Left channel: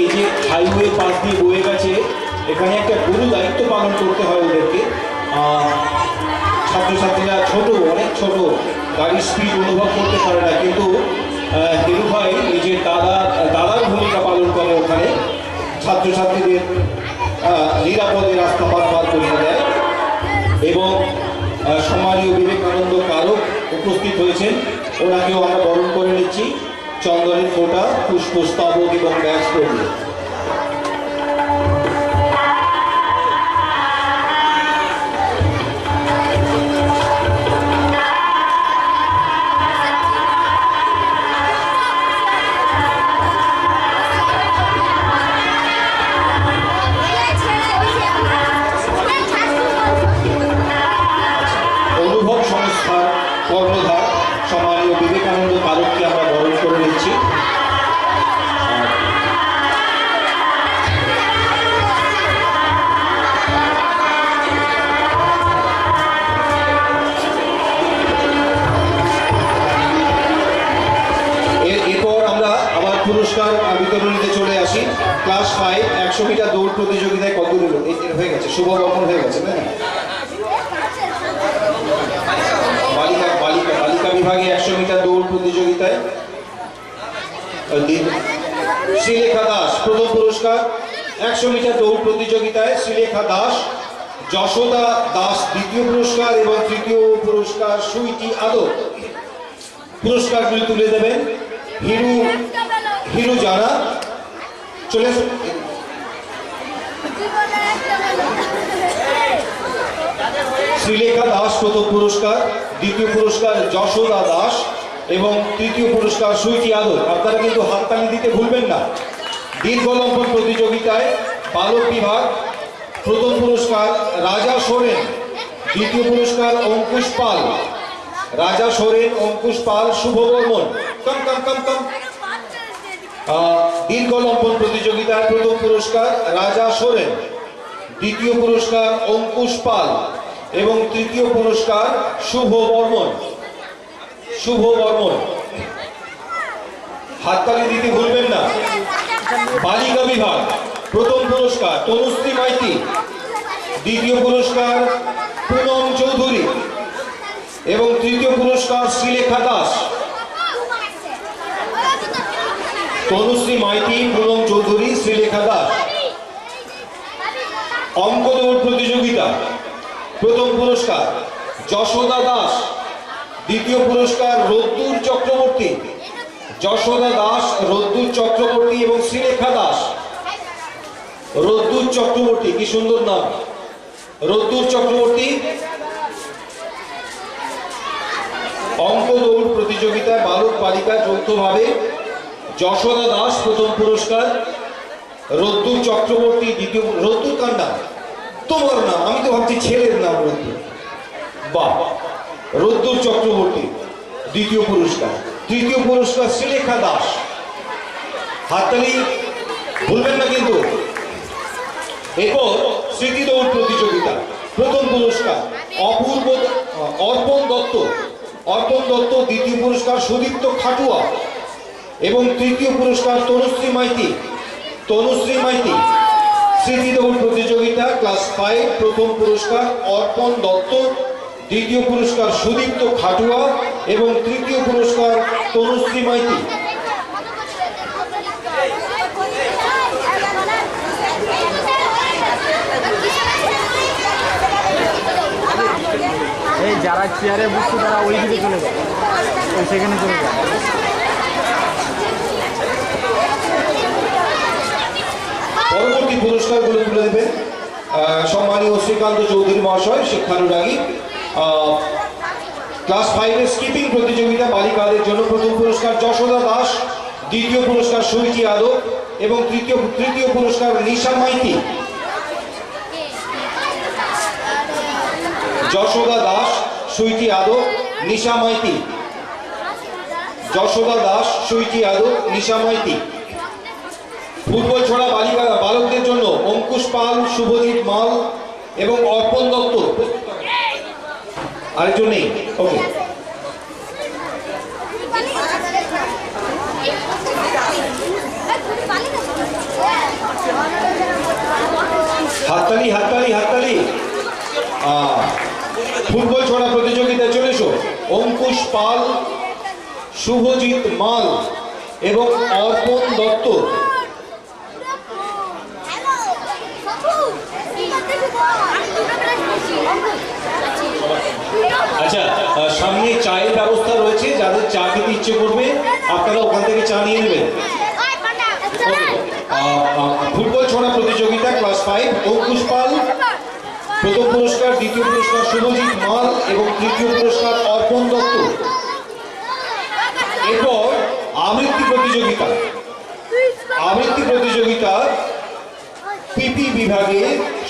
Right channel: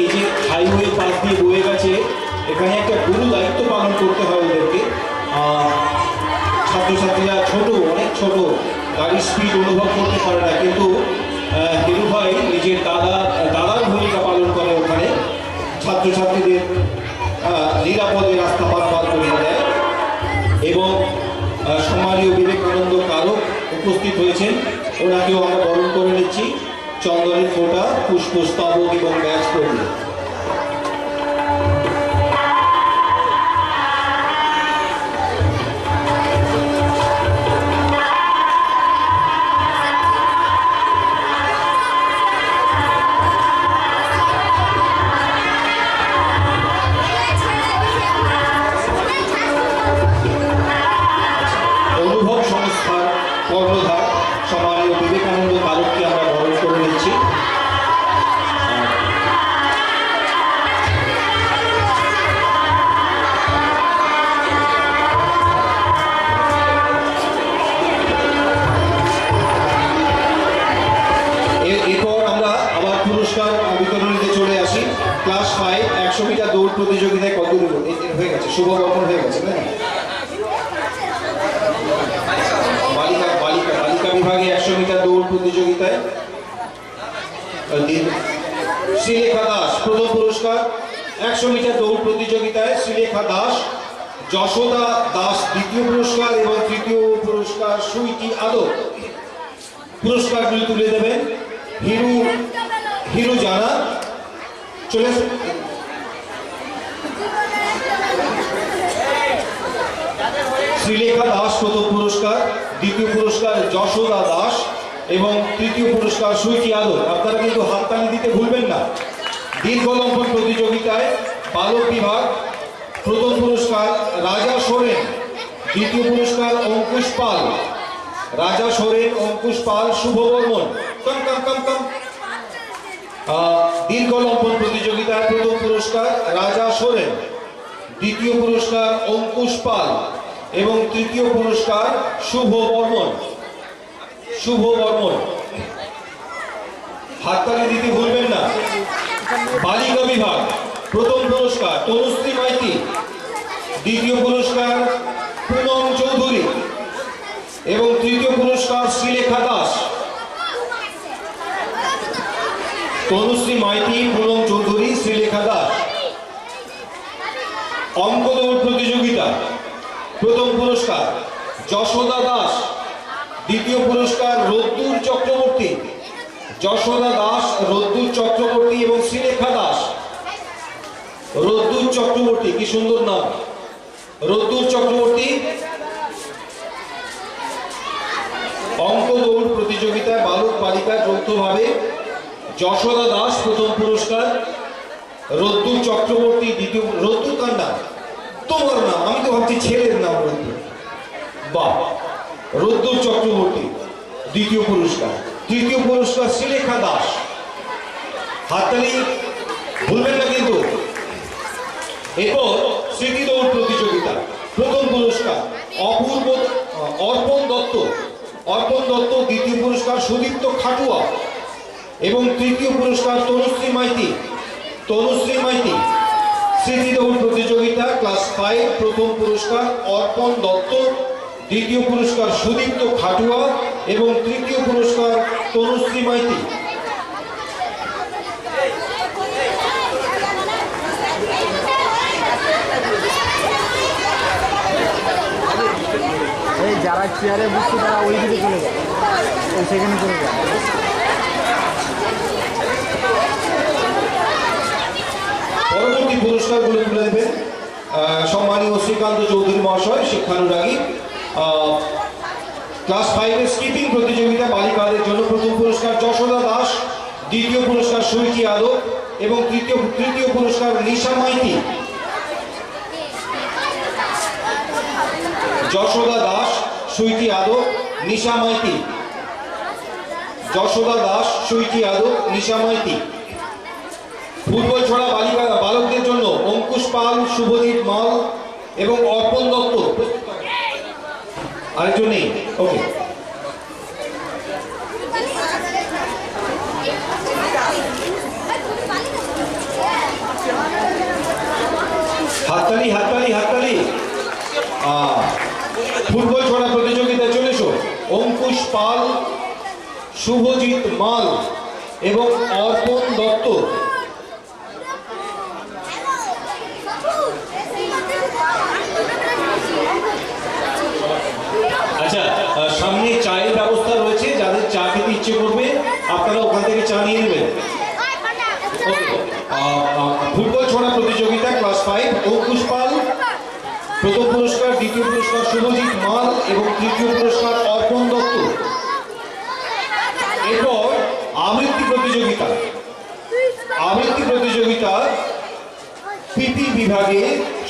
এই যে হাইওয়ে পাশ দিয়ে বয়ে গেছে, এখানে একটা গুরু দায়িত্ব পালন করতে হয় ওদেরকে। ছাত্রছাত্রীরা ছোট, অনেক ছোট, গাড়ির স্পিড অনুভব করতে পারে না, কিন্তু হিরু ভাই নিজের দাদার ভূমিকা পালন করে ওখানে ছাত্রছাত্রীদের নিরাপদে রাস্তা পারাপার করে দেয়। এবং সম্মানীয় বিবেকানন্দ কারক উপস্থিত হয়েছেন, ওনাকেও আমরা বরণ করে নিচ্ছি চন্দনের ফোঁটা, পুষ্পস্তবক এবং ব্যাস করবে। অনুভব সংস্থার কর্ণধার সম্মানীয় বিবেকানন্দ কারককে আমরা বরণ করে নিচ্ছি। এরপর আমরা আবার পুরস্কার বিতরণীতে চলে আসি। ক্লাস 5 100 মিটার দৌড় প্রতিযোগিতায় কত হয়ে গেছে, শুভ বপন হয়ে গেছে, তাই না? বালিকা বিভাগে 100 মিটার দৌড় প্রতিযোগিতায় শ্রীলেখা দাস প্রথম পুরস্কার। 100 মিটার দৌড় প্রতিযোগিতায় শ্রীলেখা দাস, যশোদা দাস দ্বিতীয় পুরস্কার এবং তৃতীয় পুরস্কার সুইটি আদর। পুরস্কারগুলি তুলে দেবেন হিরু জানা। চলে শ্রীলেখা দাস প্রথম পুরস্কার, দ্বিতীয় পুরস্কার যশোদা দাস এবং তৃতীয় পুরস্কার সুইটি আদর। আপনারা কিন্তু হাততালি দিতে ভুলবেন না। দীর্ঘ লম্বন প্রতিযোগিতায় বালক বিভাগ প্রথম পুরস্কার রাজা সোরেন, দ্বিতীয় পুরস্কার অঙ্কুশ পাল। রাজা সোরেন, অঙ্কুশ পাল, শুভ বর্মন। কম কম কম কম। দীর্ঘ লম্বন প্রতিযোগিতায় প্রথম পুরস্কার রাজা সোরেন, দ্বিতীয় পুরস্কার অঙ্কুশ পাল এবং তৃতীয় পুরস্কার শুভ বর্মন। শুভ বর্মন, হাততালি দিতে ভুলবেন না। বালিকা বিভাগ প্রথম পুরস্কার তনুশ্রী মাইতি, দ্বিতীয় পুরস্কার পুনম চৌধুরী এবং তৃতীয় পুরস্কার শ্রীলেখা দাস। তনুশ্রী মাইতি, পুনম চৌধুরী, শ্রীলেখা দাস। অঙ্ক দৌড় প্রতিযোগিতা প্রথম পুরস্কার যশোদা দাস, দ্বিতীয় পুরস্কার রোদ্দুর চক্রবর্তী। যশোদা দাস, রোদ্দুর চক্রবর্তী এবং শ্রীলেখা দাস। রোদ্দুর চক্রবর্তী, কি সুন্দর নাম, রোদ্দুর চক্রবর্তী। অঙ্ক দৌড় প্রতিযোগিতায় বালক বালিকা যৌথভাবে যশোদা দাস প্রথম পুরস্কার, রোদ্দুর চক্রবর্তী দ্বিতীয়। রোদ্দুর কার নাম? তোমার নাম, আমি তো ভাবছি ছেলের নাম রোদ্দুর। বাহ, রোদ্দুর চক্রবর্তী দ্বিতীয় পুরস্কার। তৃতীয় পুরস্কার শ্রীলেখা দাস। হাততালি ভুলবেন না কিন্তু। এরপর স্মৃতি দৌড় প্রতিযোগিতা প্রথম পুরস্কার অর্পণ দত্ত। অর্পণ দত্ত, দ্বিতীয় পুরস্কার সুদীপ্ত খাটুয়া এবং তৃতীয় পুরস্কার তনুশ্রী মাইতি। তনুশ্রী মাইতি। স্মৃতি দৌড় প্রতিযোগিতা ক্লাস 5 প্রথম পুরস্কার অর্পণ দত্ত, দ্বিতীয় পুরস্কার সুদীপ্ত খাটুয়া এবং তৃতীয় পুরস্কার তনুশ্রী মাইতি। এই যারা চেয়ারে বসছে তারা ওই দিকে চলে যায়, সেখানে চলে যায়। পরবর্তী পুরস্কারগুলো তুলে দেবেন সম্মানীয় শ্রীকান্ত চৌধুরী মহাশয়, শিক্ষানুরাগী। ক্লাস 5 স্কিপিং প্রতিযোগিতা বালিকাদের জন্য প্রথম পুরস্কার যশোদা দাস, দ্বিতীয় পুরস্কার সুইটি আদর এবং তৃতীয় পুরস্কার নিশা মাইতি। যশোদা দাস, সুইটি আদর, নিশা মাইতি। যশোদা দাস, সুইটি আদর, নিশা মাইতি। ফুটবল ছড়া বালকদের জন্য অঙ্কুশ পাল, শুভদীপ মাল এবং অর্পণ দত্ত। আরেকজন নেই, ওকে। শুভজিৎ মাল এবং অর্পণ দত্ত। আচ্ছা, সামনে চায়ের ব্যবস্থা রয়েছে, যাদের চা খেতে ইচ্ছে করবে আপনারা ওখান থেকে চা নিয়ে নেবেন। ফুটবল ছোড়া প্রতিযোগিতা ক্লাস 5, অঙ্কুশ পাল প্রথম পুরস্কার, দ্বিতীয় পুরস্কার শুভজিৎ মাল এবং তৃতীয় পুরস্কার অর্পণ দত্ত। এরপর আবৃত্তি প্রতিযোগিতা। আবৃত্তি প্রতিযোগিতা পিপি বিভাগে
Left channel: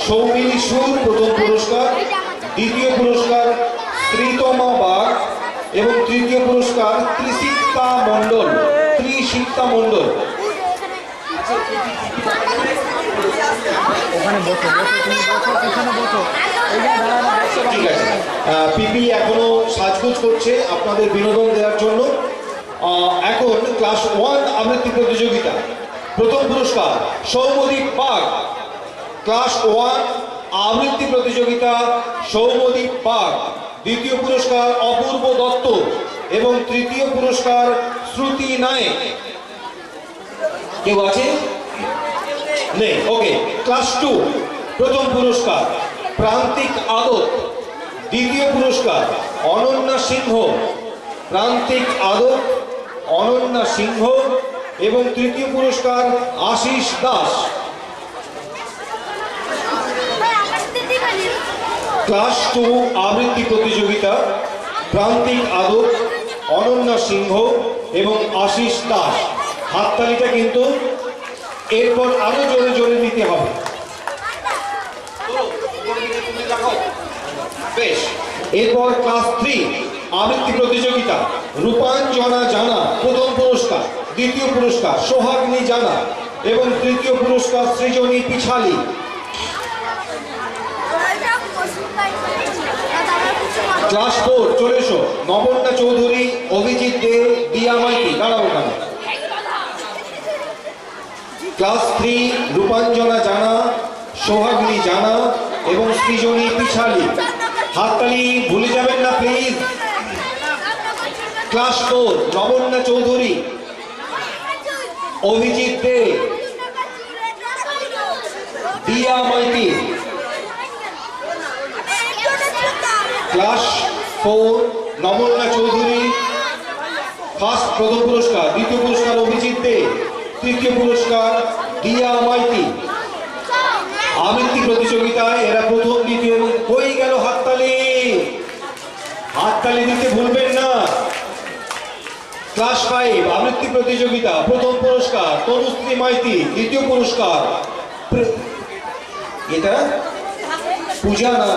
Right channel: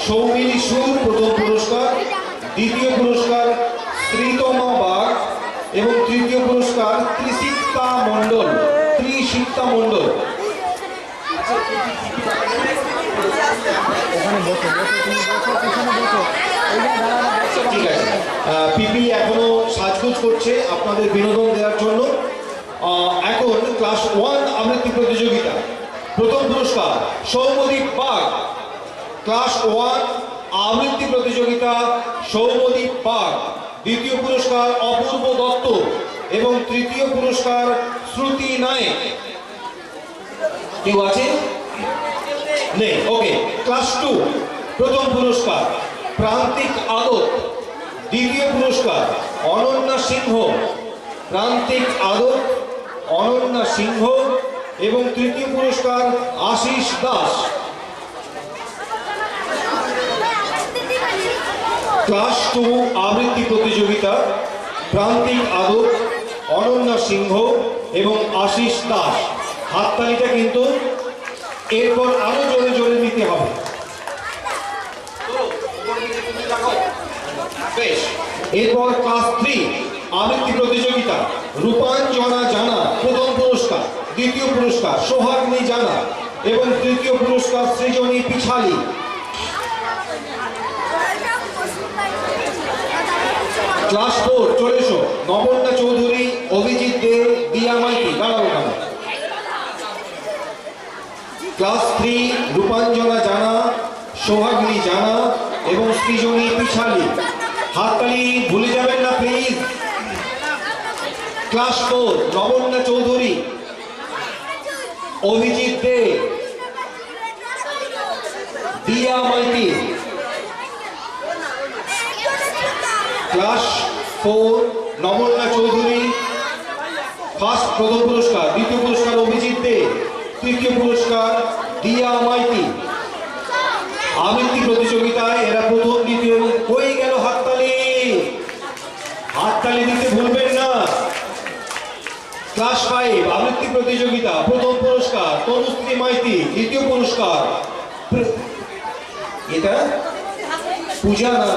সৌমিলি সুর প্রথম পুরস্কার, দ্বিতীয় পুরস্কার শ্রীতমা বাগ এবং তৃতীয় পুরস্কার ত্রিশিক্তা মণ্ডল। ওখানে বসো বসো, তুমি বসো, পিছনে বসো, এইখানে দাঁড়ানো বসো। ঠিক আছে, পিপি এখনো সাজগোজ করছে আপনাদের বিনোদন দেওয়ার জন্য। এখন ক্লাস 1 আবৃত্তি প্রতিযোগিতা প্রথম পুরস্কার সৌম্যদীপ বাগ। ক্লাস 1 আবৃত্তি প্রতিযোগিতা সৌম্যদীপ বাগ, দ্বিতীয় পুরস্কার অপূর্ব দত্ত এবং তৃতীয় পুরস্কার শ্রুতি নায়েক। কেউ আছে? নেই, ওকে। ক্লাস 2 প্রথম পুরস্কার প্রান্তিক আদত, দ্বিতীয় পুরস্কার অনন্যা সিংহ। প্রান্তিক আদত অনন্যা সিংহ এবং তৃতীয় পুরস্কার আশিস দাস। ক্লাস 2 আবৃত্তি প্রতিযোগিতা প্রান্তিক আদত অনন্যা সিংহ এবং আশিস দাস। হাততালিটা কিন্তু এরপর আরো জোরে জোরে নিতে হবে। বেশ, এরপর ক্লাস 3 আবৃত্তি প্রতিযোগিতা রূপাঞ্জনা জানা প্রথম পুরস্কার, দ্বিতীয় পুরস্কার সোহাগিনী জানা এবং তৃতীয় পুরস্কার সৃজনী পিছালি। ক্লাস 4 চলে এসো, নবন্যা চৌধুরী, অভিজিৎ দে, দিয়া মাইতি। দাঁড়াও না। ক্লাস 3 রূপাঞ্জনা জানা, সোহাগিনী জানা এবং সৃজনী পিছালি। হাততালি ভুলে যাবেন না প্লিজ। ক্লাস 4 নবন্যা চৌধুরী, অভিজিৎ দে, দিয়া মাইতি। ক্লাস 4 নবন্যা চৌধুরী ফার্স্ট প্রথম পুরস্কার, দ্বিতীয় পুরস্কার অভিজিৎ দে, তৃতীয় পুরস্কার দিয়া মাইতি। আবৃত্তি প্রতিযোগিতায় এরা প্রথম, দ্বিতীয়। হয়ে গেল হাততালি, হাততালি দিতে ভুলবেন না। ক্লাস 5 আবৃত্তি প্রতিযোগিতা প্রথম পুরস্কার তনুশ্রী মাইতি, দ্বিতীয় পুরস্কার এটা পূজা না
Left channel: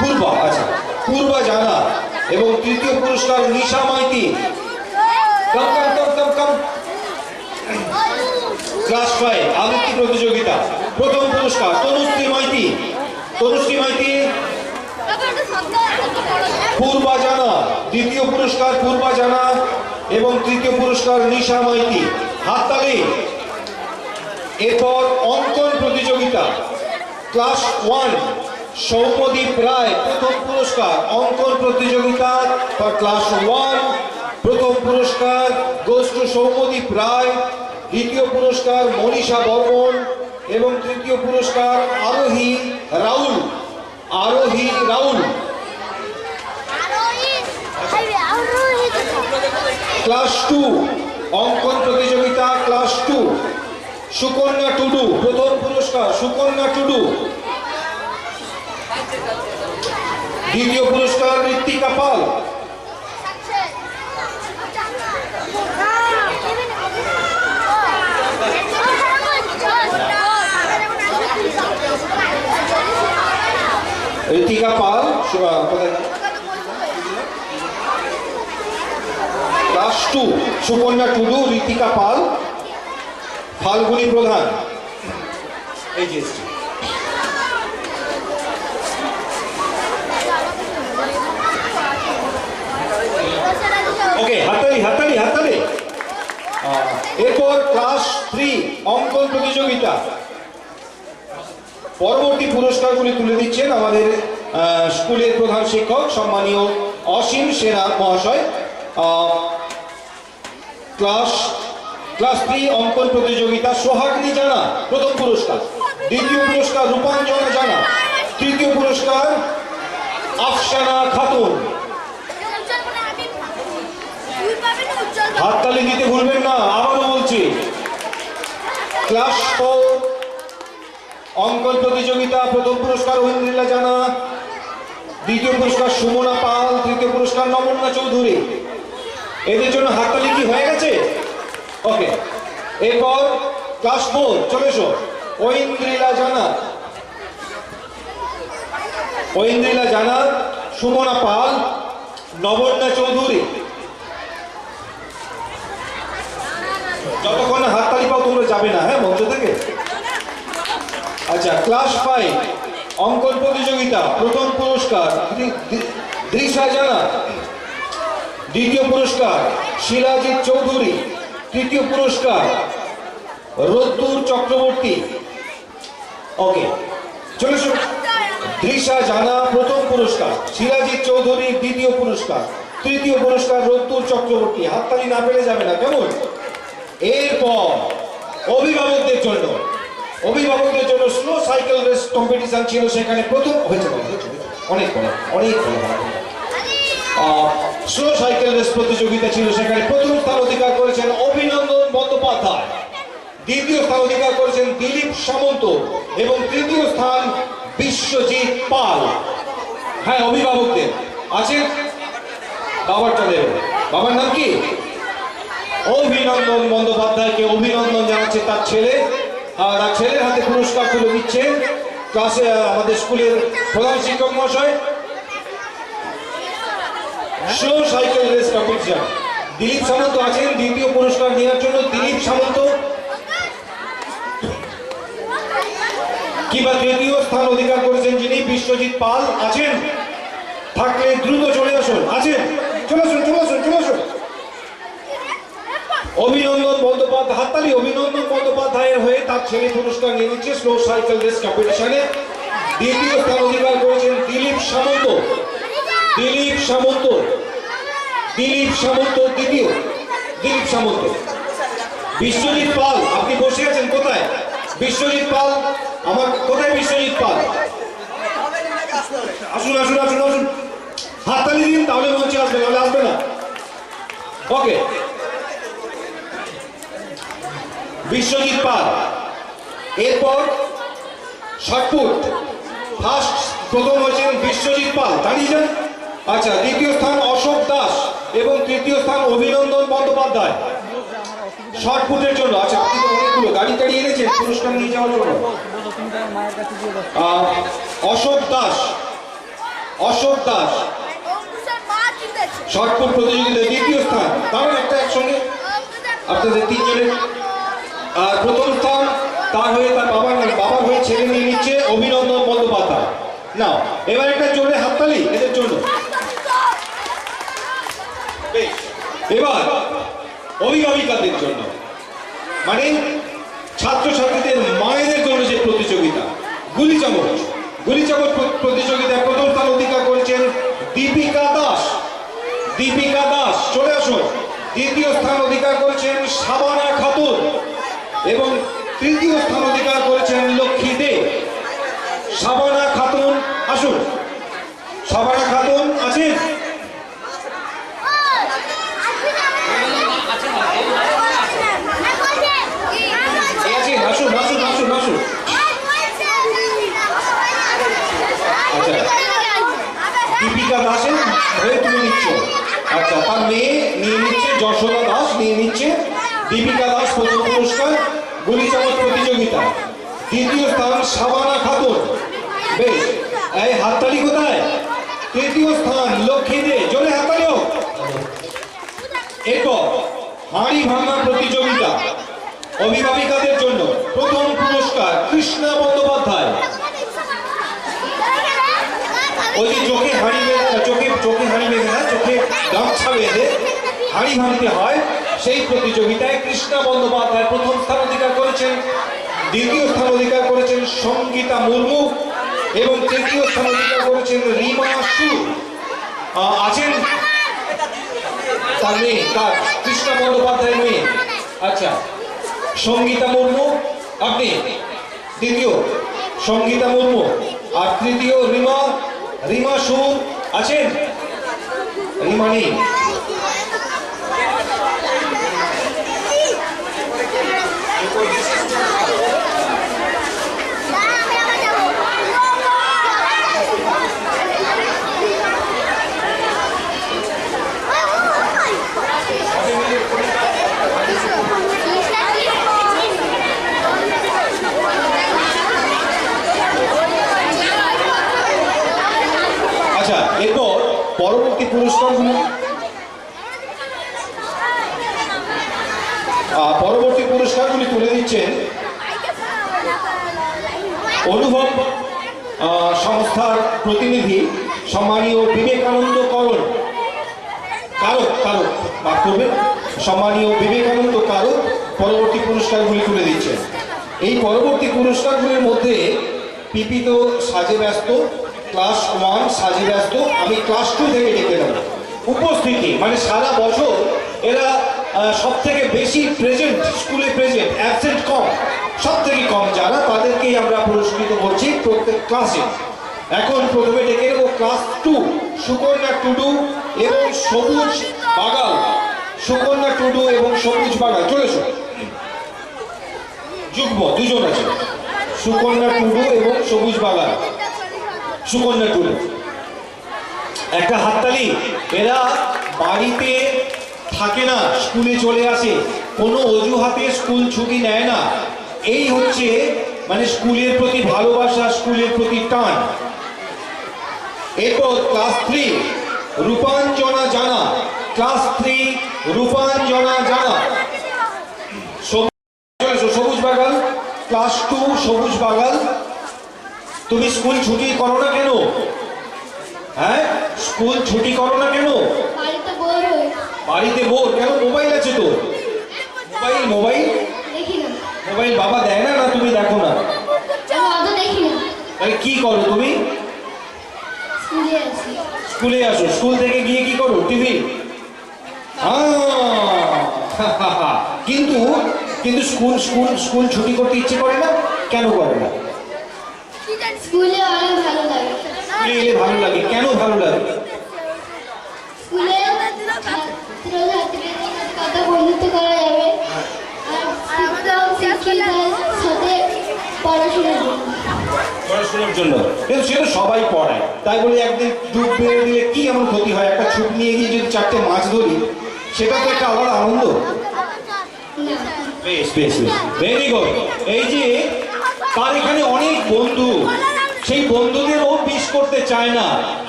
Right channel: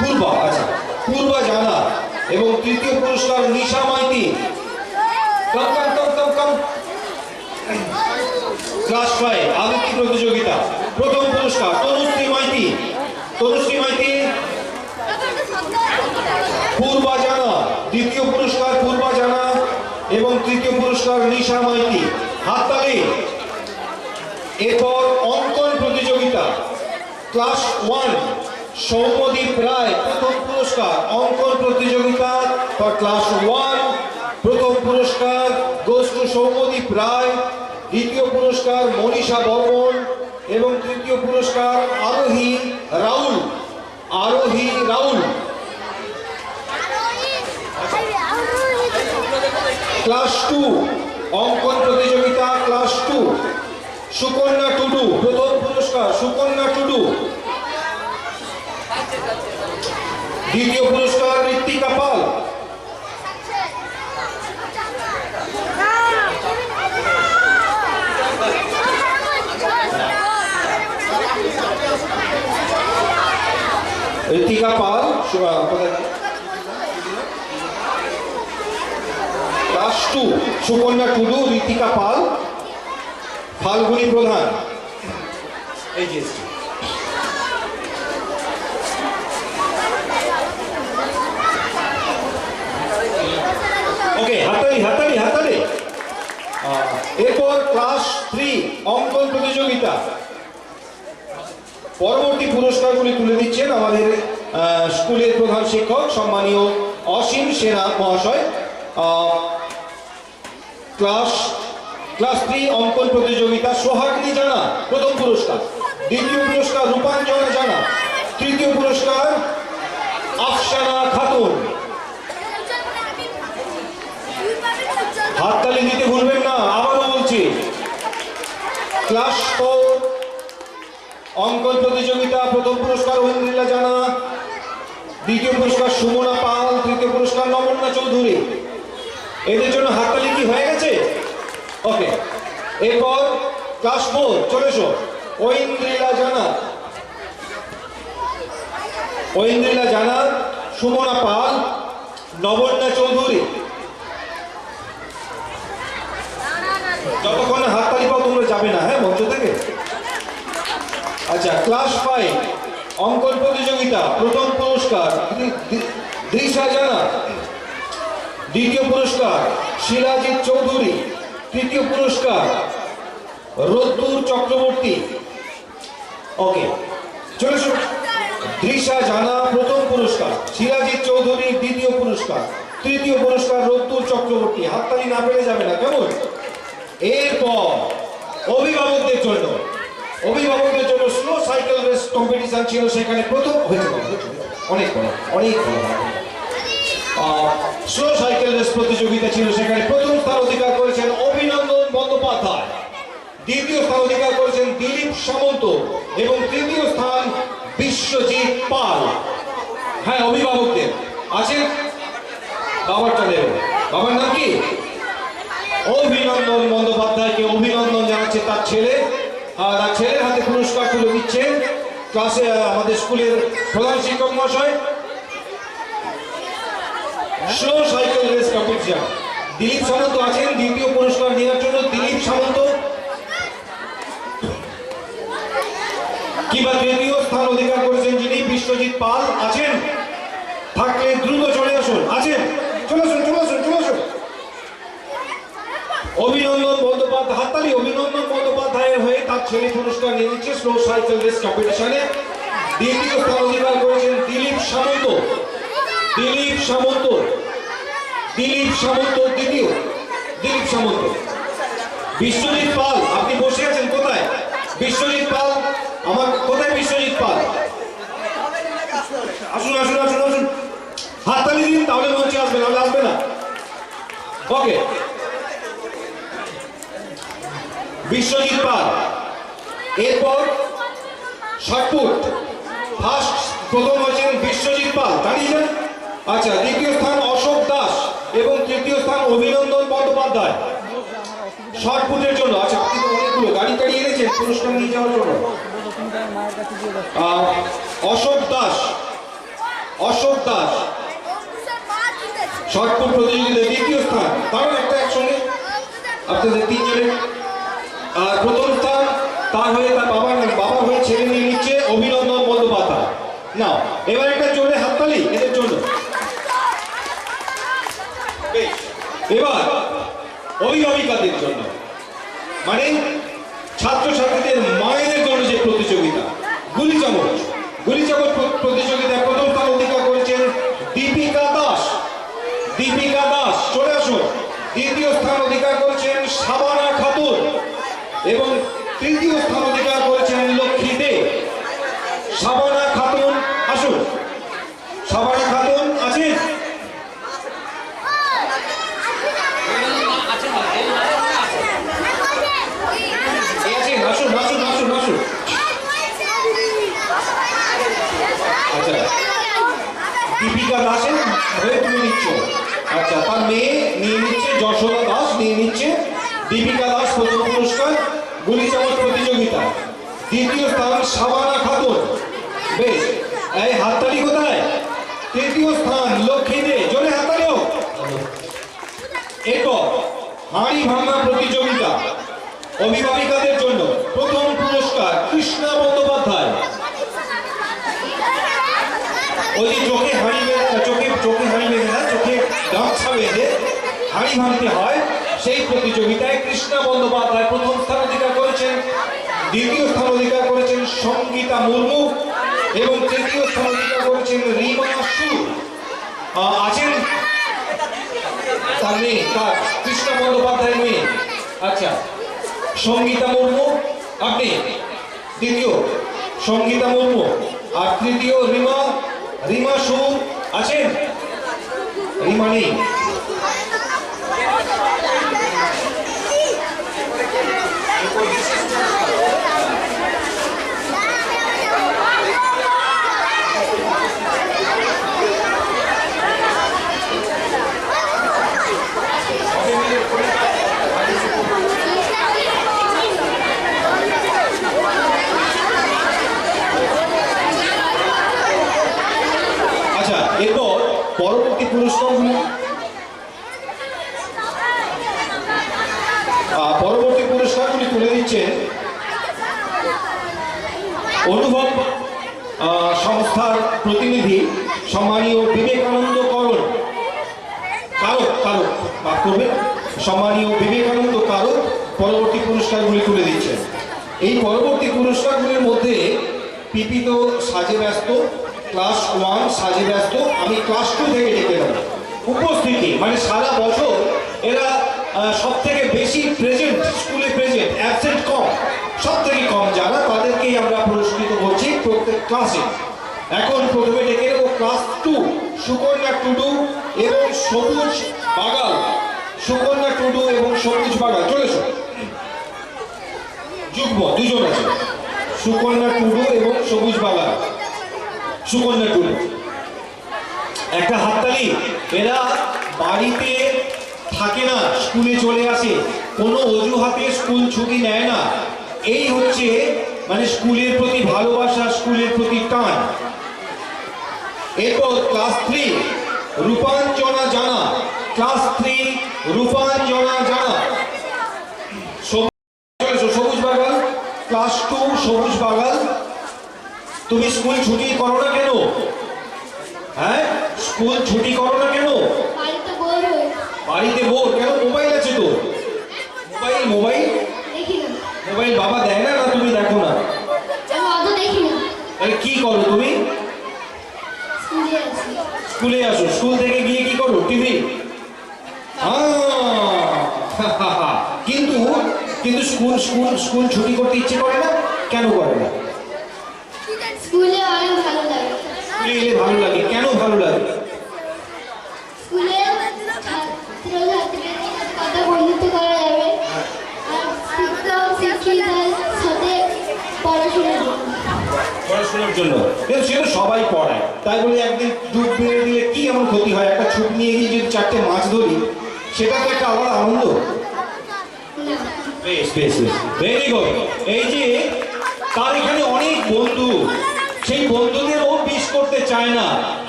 পূর্বা, আচ্ছা পূর্বা জানা এবং তৃতীয় পুরস্কার নিশা মাইতি। কম কম কম কম কম। ক্লাস 5 আবৃত্তি প্রতিযোগিতা প্রথম পুরস্কার তনুশ্রী মাইতি, পূর্বা জানা, দ্বিতীয় পুরস্কার পূর্বা জানা এবং তৃতীয় পুরস্কার নিশা মাইতি। হাততালি। এরপর অঙ্কন প্রতিযোগিতা ক্লাস 1 সৌম্যদীপ রায় প্রথম পুরস্কার অঙ্কন প্রতিযোগিতা ফর ক্লাস 1। প্রথম পুরস্কার গোস টু সৌম্যদীপ রায়, দ্বিতীয় পুরস্কার মনীষা বর্মন এবং তৃতীয় পুরস্কার আরোহী রাউল। ক্লাস 2 অঙ্কন প্রতিযোগিতা ক্লাস 2 সুকন্যা টুডু প্রথম পুরস্কার সুকন্যা টুডু, দ্বিতীয় পুরস্কার ঋত্বিকা পাল। ঋত্বিকা পাল ক্লাস 2 সুকন্যা টুডু, ঋত্বিকা পাল, ফাল্গুনী প্রধান। এই যে ওকে, হাততালি হাততালি হাততালি। এরপর ক্লাস 3 অঙ্কন প্রতিযোগিতা। পরবর্তী পুরস্কারগুলি তুলে দিচ্ছেন আমাদের স্কুলের প্রধান শিক্ষক সম্মানীয় অসীম সেনা মহাশয়। ক্লাস 3 অঙ্কন প্রতিযোগিতা সোহাগিনী জানা প্রথম পুরস্কার, দ্বিতীয় পুরস্কার রূপাঞ্জনা জানা, তৃতীয় পুরস্কার আফসানা খাতুন। হাততালি দিতে ভুলবেন না, আবারও বলছি। ক্লাস 4 অঙ্কন প্রতিযোগিতা প্রথম পুরস্কার ঐন্দ্রিলা জানা, দ্বিতীয় পুরস্কার সুমনা পাল, তৃতীয় পুরস্কার নমন্না চৌধুরী। এদের জন্য হাততালি কি হয়ে গেছে? ওকে, এরপর ক্লাস 4 চলে এসো। ঐন্দ্রিলা জানা, সুমনা পাল, নমন্না চৌধুরী। যতক্ষণ হাততালি পাও তোমরা যাবে না, হ্যাঁ, মঞ্চ থেকে। আচ্ছা, ক্লাস 5 অঙ্কন প্রতিযোগিতা প্রথম পুরস্কার দৃশা জানা, দ্বিতীয় পুরস্কার শিলাজিৎ চৌধুরী, তৃতীয় পুরস্কার রোদ্দুর চক্রবর্তী। ওকে, চলে এসো। দৃশা জানা প্রথম পুরস্কার, শিলাজিৎ চৌধুরী দ্বিতীয় পুরস্কার, তৃতীয় পুরস্কার রোদ্দুর চক্রবর্তী। হাততালি না পেলে যাবে না, কেমন? এরপর অভিভাবকদের জন্য স্লো সাইকেল রেস কম্পিটিশন ছিল, সেখানে প্রথম হয়েছে অনেক স্লো সাইকেল রেস প্রতিযোগিতা ছিল, সেখানে প্রথম স্থান অধিকার করেছেন অভিনন্দন বন্দ্যোপাধ্যায়, দ্বিতীয় স্থান অধিকার করেছেন দিলীপ সামন্ত এবং তৃতীয় স্থান বিশ্বজিৎ পাল। হ্যাঁ, অভিভাবকদের আছেন, বাবারটা দেবেন। বাবার নাম কি? অভিনন্দন বন্দ্যোপাধ্যায়কে অভিনন্দন জানাচ্ছে তার ছেলে, আর তার ছেলের হাতে পুরস্কার তুলে দিচ্ছেন ক্লাসে আমাদের স্কুলের প্রধান শিক্ষক মহাশয়। Slow cycle race competition Dilip Samanta আছেন দ্বিতীয় পুরস্কার নেওয়ার জন্য। দিলীপ সামন্ত কিংবা তৃতীয় স্থান অধিকার করেছেন যিনি বিশ্বজিৎ পাল আছেন, থাকলে দ্রুত চলে আসুন। আছেন? চলে আসুন। অভিনন্দন বন্দ্যোপাধ্যায়, হাততালি। অভিনন্দন বন্দ্যোপাধ্যায়ের হয়ে তার ছেলে পুরস্কার নিয়ে নিচ্ছে স্লো সাইকেল রেস কম্পিটিশনে। দ্বিতীয় স্থান অধিকার করেছেন দিলীপ সামন্ত, দ্বিতীয় দিলীপ সামন্ত। বিশ্বজিৎ পাল, আপনি বসে আছেন কোথায়? বিশ্বজিৎ পাল, আমার কোথায় বিশ্বজিৎ পাল? আসুন। হাততালি দিন, তাহলে মঞ্চে আসবে, নাহলে আসবে না। ওকে, বিশ্বজিৎ পাল। এরপর শটপুট ফার্স্ট প্রথম হয়েছেন বিশ্বজিৎ পাল, দাঁড়িয়ে যান। আচ্ছা, দ্বিতীয় স্থান অশোক দাস এবং তৃতীয় স্থান অভিনন্দন বন্দ্যোপাধ্যায় শটপুটের জন্য। আচ্ছা, আপনি তো অনেকগুলো গাড়ি এনেছেন পুরস্কার নিয়ে যাওয়ার জন্য। অশোক দাস শটপুট প্রতিযোগিতায় দ্বিতীয় স্থান। কারণ একটা একসঙ্গে আপনাদের তিনজনের। আর প্রথম স্থান তার হয়ে তার বাবার হয়ে ছেলে নিয়ে নিচ্ছে অভিনন্দন বন্দ্যোপাধ্যায়। না, এবার একটা জোরে হাততালি এদের জন্য। এবার অভিভাবিকাদের জন্য, মানে ছাত্রছাত্রীদের মায়েদের জন্য যে প্রতিযোগিতা গুলি চামচ প্রতিযোগিতায় প্রথম স্থান অধিকার করেছেন দীপিকা দাস। চলে আসুন। দ্বিতীয় স্থান অধিকার করেছেন সাবানা খাতুন এবং তৃতীয় স্থান অধিকার করেছেন লক্ষ্মী দে। সাবানা খাতুন আসুন। সাবানা খাতুন আছেন? আসুন। আচ্ছা, দীপিকা দাসের হয়ে তুমি নিচ্ছ। আচ্ছা, তার মেয়ে নিয়ে নিচ্ছে যশোদা দাস, নিয়ে নিচ্ছে দীপিকা দাস প্রথম পুরস্কার গুলি চামচ প্রতিযোগিতা। দ্বিতীয় স্থান সাবানা খাতুন। বেশ, এই হাততালি কোথায়? তৃতীয় স্থান লক্ষ্মী দে, জোরে হাততালি হোক। এরপর হাঁড়ি ভাঙা প্রতিযোগিতা অভিভাবিকাদের জন্য প্রথম পুরস্কার কৃষ্ণা বন্দ্যোপাধ্যায়। ওই যে চোখে হাঁড়ি বেঁধে না, চোখে গামছা বেঁধে হাঁড়ি ভাঙতে হয়, সেই প্রতিযোগিতায় কৃষ্ণা বন্দ্যোপাধ্যায় প্রথম স্থান অধিকার করেছেন। দ্বিতীয় স্থান অধিকার করেছেন সঙ্গীতা মুর্মু এবং তৃতীয় স্থান অধিকার করেছেন রিমা সু। আছেন? তার মেয়ে, কার? কৃষ্ণা বন্দ্যোপাধ্যায়ের মেয়ে। আচ্ছা, সঙ্গীতা মুর্মু, আপনি দ্বিতীয় সঙ্গীতা মুর্মু, আর তৃতীয় রিমা সুর আছেন? রিমা নেই। আচ্ছা, এরপর পরবর্তী পুরস্কারগুলো তুলে দিচ্ছেন অনুভব সংস্থার প্রতিনিধি সম্মানীয় বিবেকানন্দ কারক পরবর্তী পুরস্কারগুলি তুলে দিচ্ছেন। এই পরবর্তী পুরস্কারগুলির মধ্যে পিপি তো সাজে ব্যস্ত, ক্লাস 1 সাজে ব্যস্ত, আমি ক্লাস 2 থেকে ডেকে নেব। উপস্থিতি মানে সারা বছর এরা সব থেকে বেশি প্রেজেন্ট, স্কুলে প্রেজেন্ট, অ্যাবসেন্ট কম, সব থেকে কম যারা, তাদেরকেই আমরা পুরস্কৃত করছি প্রত্যেক ক্লাসে। এখন প্রথমে ডেকে নেব ক্লাস 2 সুকন্যা টুডু এবং সবুজ বাগাল। সুকন্যা টুডু এবং সবুজ বাগাল চলে এসো। যুগ্ম দুজন আছে, সুকন্যা টুডু এবং সবুজ বাগাল। সুকন্যা টুডু, একটা হাততালি। এরা বাড়িতে থাকে না, স্কুলে চলে আসে, কোনো অজুহাতে স্কুল ছুটি নেয় না। এই হচ্ছে মানে স্কুলের প্রতি ভালোবাসা, স্কুলের প্রতি টান। এরপর ক্লাস 3 রূপাঞ্জনা জানা, ক্লাস 3 রূপাঞ্জনা জানা। সবুজ বাগাল, ক্লাস 2 সবুজ বাগাল। তুমি স্কুল ছুটি করো না কেন? হ্যাঁ, স্কুল ছুটি করো না কেন? বাড়িতে বোর কেন? মোবাইল আছে তো, মোবাইল বাবা দেয় না, না তুমি দেখো না? তাহলে কি করো তুমি? স্কুলে আসো, স্কুল থেকে গিয়ে কি করো? টিভি। কিন্তু কিন্তু স্কুল স্কুল স্কুল ছুটি করতে ইচ্ছে করে না কেন? করে না? স্কুলে অনেক ভালো লাগে। স্কুলে এলে ভালো লাগে, কেন ভালো লাগে? স্কুলে ছাত্রছাত্রীদের সাথে বন্ধুত্ব করা যাবে, আর শিক্ষক শিক্ষিকার সাথে পড়াশোনার জন্য। কিন্তু সেটা সবাই পড়ায়, তাই বলে একদিন ডুব মেরে দিলে কি এমন ক্ষতি হয়? একটা ছুট নিয়ে গিয়ে যদি 4টে মাছ ধরি, সেটা তো একটা আলাদা আনন্দ। বেশ বেশ বেশ, ভেরি গুড। এই যে তার এখানে অনেক বন্ধু, সেই বন্ধুদেরও মিস করতে চায় না,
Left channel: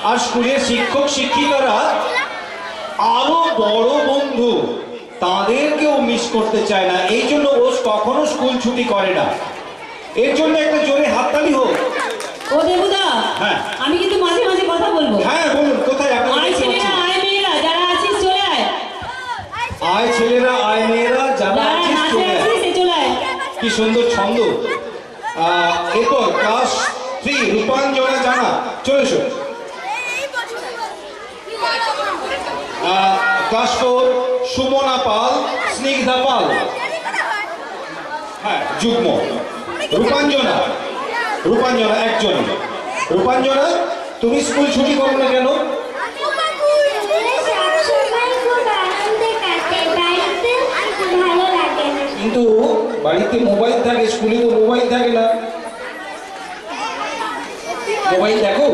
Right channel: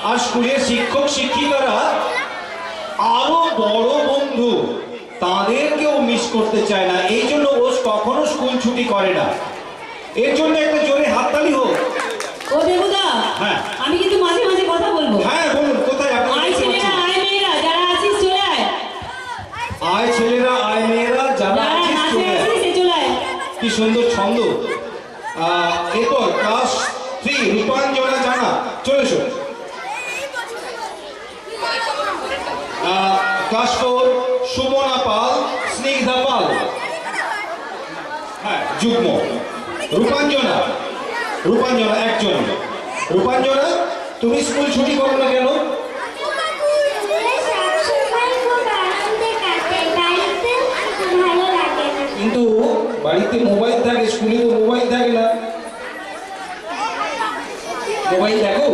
আর স্কুলের শিক্ষক শিক্ষিকারা আরো বড় বন্ধু, তাদেরকেও মিস করতে চায় না। এই জন্য ও কখনো স্কুল ছুটি করে না। এর জন্য একটা জোরে হাততালি হোক। ও দেবুদা, হ্যাঁ আমি কিন্তু মাঝে মাঝে কথা বলবো। হ্যাঁ বলুন, কোথায় আপনি? আয় ছেলেরা, আয় মেয়েরা, যারা আছিস চলে আয়। আয় ছেলেরা, আয় মেয়েরা, যারা যারা আছিস নাচে চলে আয়। আছিস সে চলে আয়। কি সুন্দর ছন্দ। এরপর ক্লাস 3 রূপাঞ্জনা জানা, চলে এসো। ক্লাস 4 সুমনা পাল, স্নিগ্ধা পাল। হ্যাঁ, যুগ্ম। রূপাঞ্জনা, রূপাঞ্জনা একজন। রূপাঞ্জনা, তুমি স্কুল ছুটি করো না কেন? কিন্তু বাড়িতে মোবাইল থাকে, স্কুলে তো মোবাইল থাকে না। মোবাইল দেখো?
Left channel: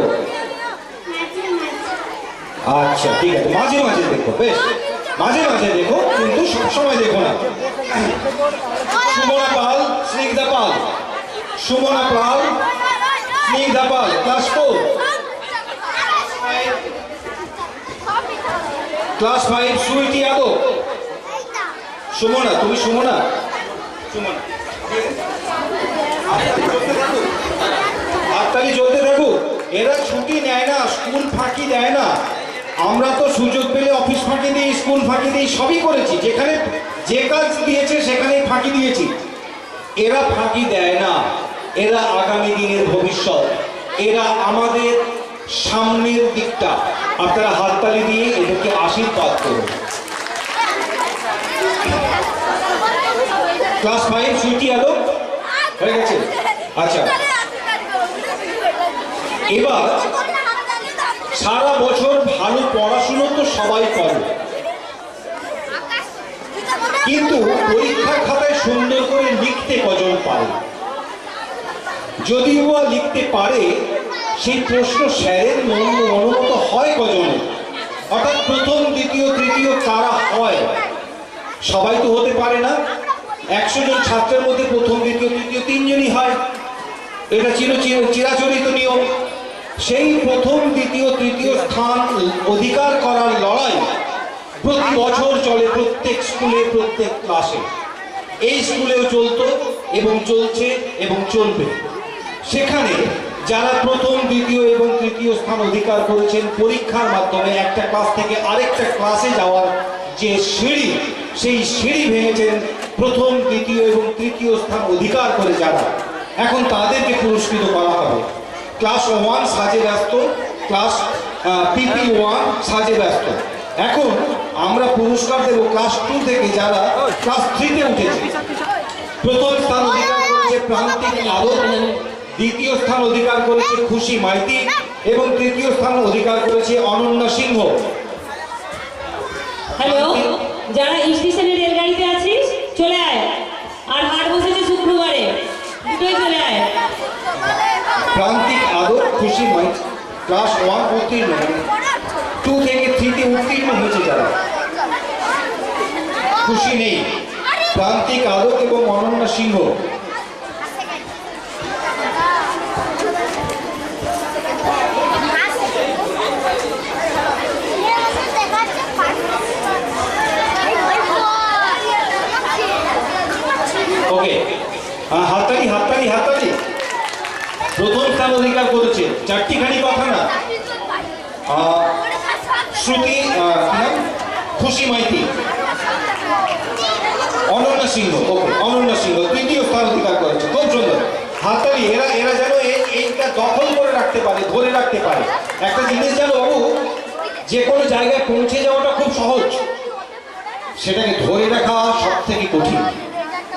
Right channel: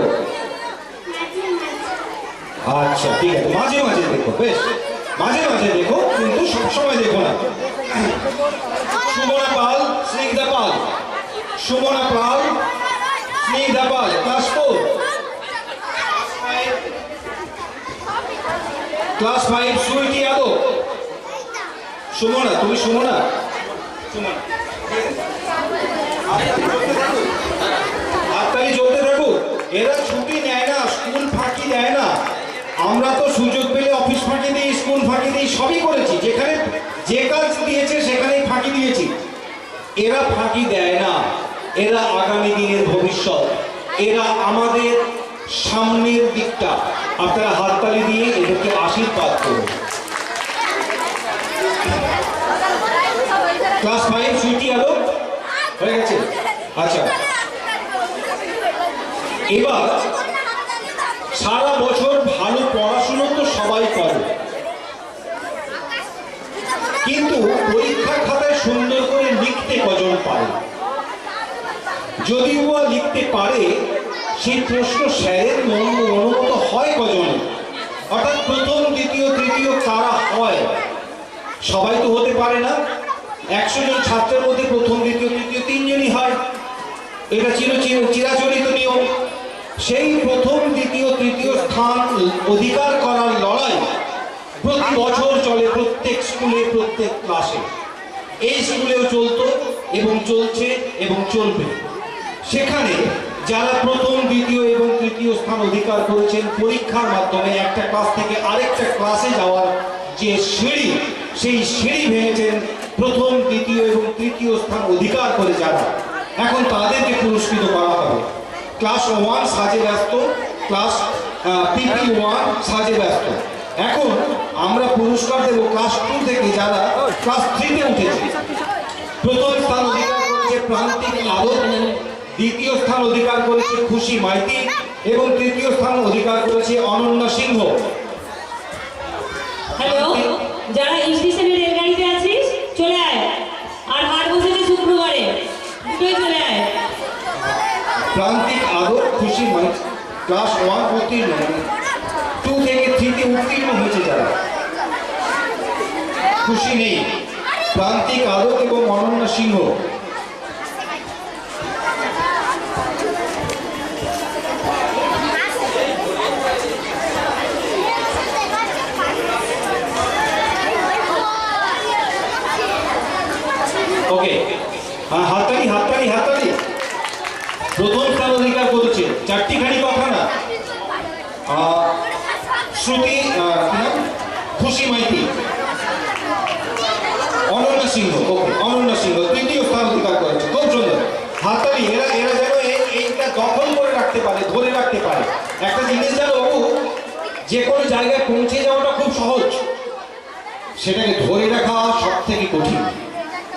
আচ্ছা ঠিক আছে, মাঝে মাঝে দেখো, বেশ মাঝে মাঝে দেখো, কিন্তু সবসময় দেখো না। সুমনা পাল, স্নিগ্ধা পাল। সুমনা পাল, স্নিগ্ধা পাল, ক্লাস 4। ক্লাস 5 সুইটি যাদব। সুমনা, তুমি সুমনা? সুমনা, হাততালি চলতে থাকুক। এরা ছুটি নেয় না, স্কুল ফাঁকি দেয় না। আমরা তো সুযোগ পেলে অফিস ফাঁকি দিই, স্কুল ফাঁকি দিই, সবই করেছি। যেখানে যে কাজ দিয়েছে সেখানেই ফাঁকি দিয়েছি। এরা ফাঁকি দেয় না, এরা আগামী দিনের ভবিষ্যৎ, এরা আমাদের সামনের দিকটা। আপনারা হাততালি দিয়ে এদেরকে আশীর্বাদ করুন। ক্লাস 5 সুইটি আলো হয়ে গেছে। আচ্ছা, এবার সারা বছর ভালো পড়াশুনো তো সবাই করে, কিন্তু পরীক্ষার খাতায় সুন্দর করে লিখতে কজন পারে? যদিও বা লিখতে পারে, সেই প্রশ্ন স্যারের মনোমত হয় কজন? অর্থাৎ প্রথম, দ্বিতীয়, তৃতীয় কারা হয়? সবাই তো হতে পারে না। 100 জন ছাত্রের মধ্যে প্রথম, দ্বিতীয়, তৃতীয় 3 জনই হয়। এটা ছিল চিরাচরিত নিয়ম। সেই প্রথম, দ্বিতীয়, তৃতীয় স্থান অধিকার করার লড়াই প্রতি বছর চলে, প্রত্যেক স্কুলে, প্রত্যেক ক্লাসে। এই স্কুলেও চলতো এবং চলছে এবং চলবে। সেখানে যারা প্রথম, দ্বিতীয় এবং তৃতীয় স্থান অধিকার করেছেন, পরীক্ষার মাধ্যমে একটা ক্লাস থেকে আরেকটা ক্লাসে যাওয়ার যে সিঁড়ি, সেই সিঁড়ি ভেঙেছেন প্রথম, দ্বিতীয় এবং তৃতীয় স্থান অধিকার করে যারা, এখন তাদেরকে পুরস্কৃত করা হবে। ক্লাস 1 সাজে ব্যস্ত, ক্লাস PP1 সাজে ব্যস্ত। এখন আমরা পুরস্কার দেব ক্লাস 2 থেকে যারা ক্লাস 3-তে উঠেছে। প্রথম স্থান অধিকার করেছে প্রান্তিক আলো, দ্বিতীয় স্থান অধিকার করেছে খুশি মাইতি এবং তৃতীয় স্থান অধিকার করেছে অনন্যা সিংহ। হ্যালো, যারা স্টেশনে রেলগাড়িতে আছিস চলে আয়, আর হাট বসেছে শুক্রবারে, দুটোই চলে আয়। প্রান্তিক আলো, খুশি মাইতি ক্লাস 1 উত্তীর্ণ, 2 থেকে 3-তে উত্তীর্ণ হয়েছে যারা, খুশি নেই, প্রান্তিক আলো এবং অনন্যা সিংহ। ওকে, হাততালি হাততালি হাততালি। প্রথম স্থান অধিকার করেছে 4টিখানি কথা না, শ্রুতি, খুশি মাইতি, অনন্যা সিংহ। ওকে, অনন্যা সিংহ তৃতীয় স্থান অধিকার করেছে, খুব সুন্দর। হাততালি। এরা যেন এইটা দখল করে রাখতে পারে, ধরে রাখতে পারে। একটা জিনিস জানো বাবু, যে কোনো জায়গায় পৌঁছে যাওয়াটা খুব সহজ, সেটাকে ধরে রাখা সব থেকে কঠিন।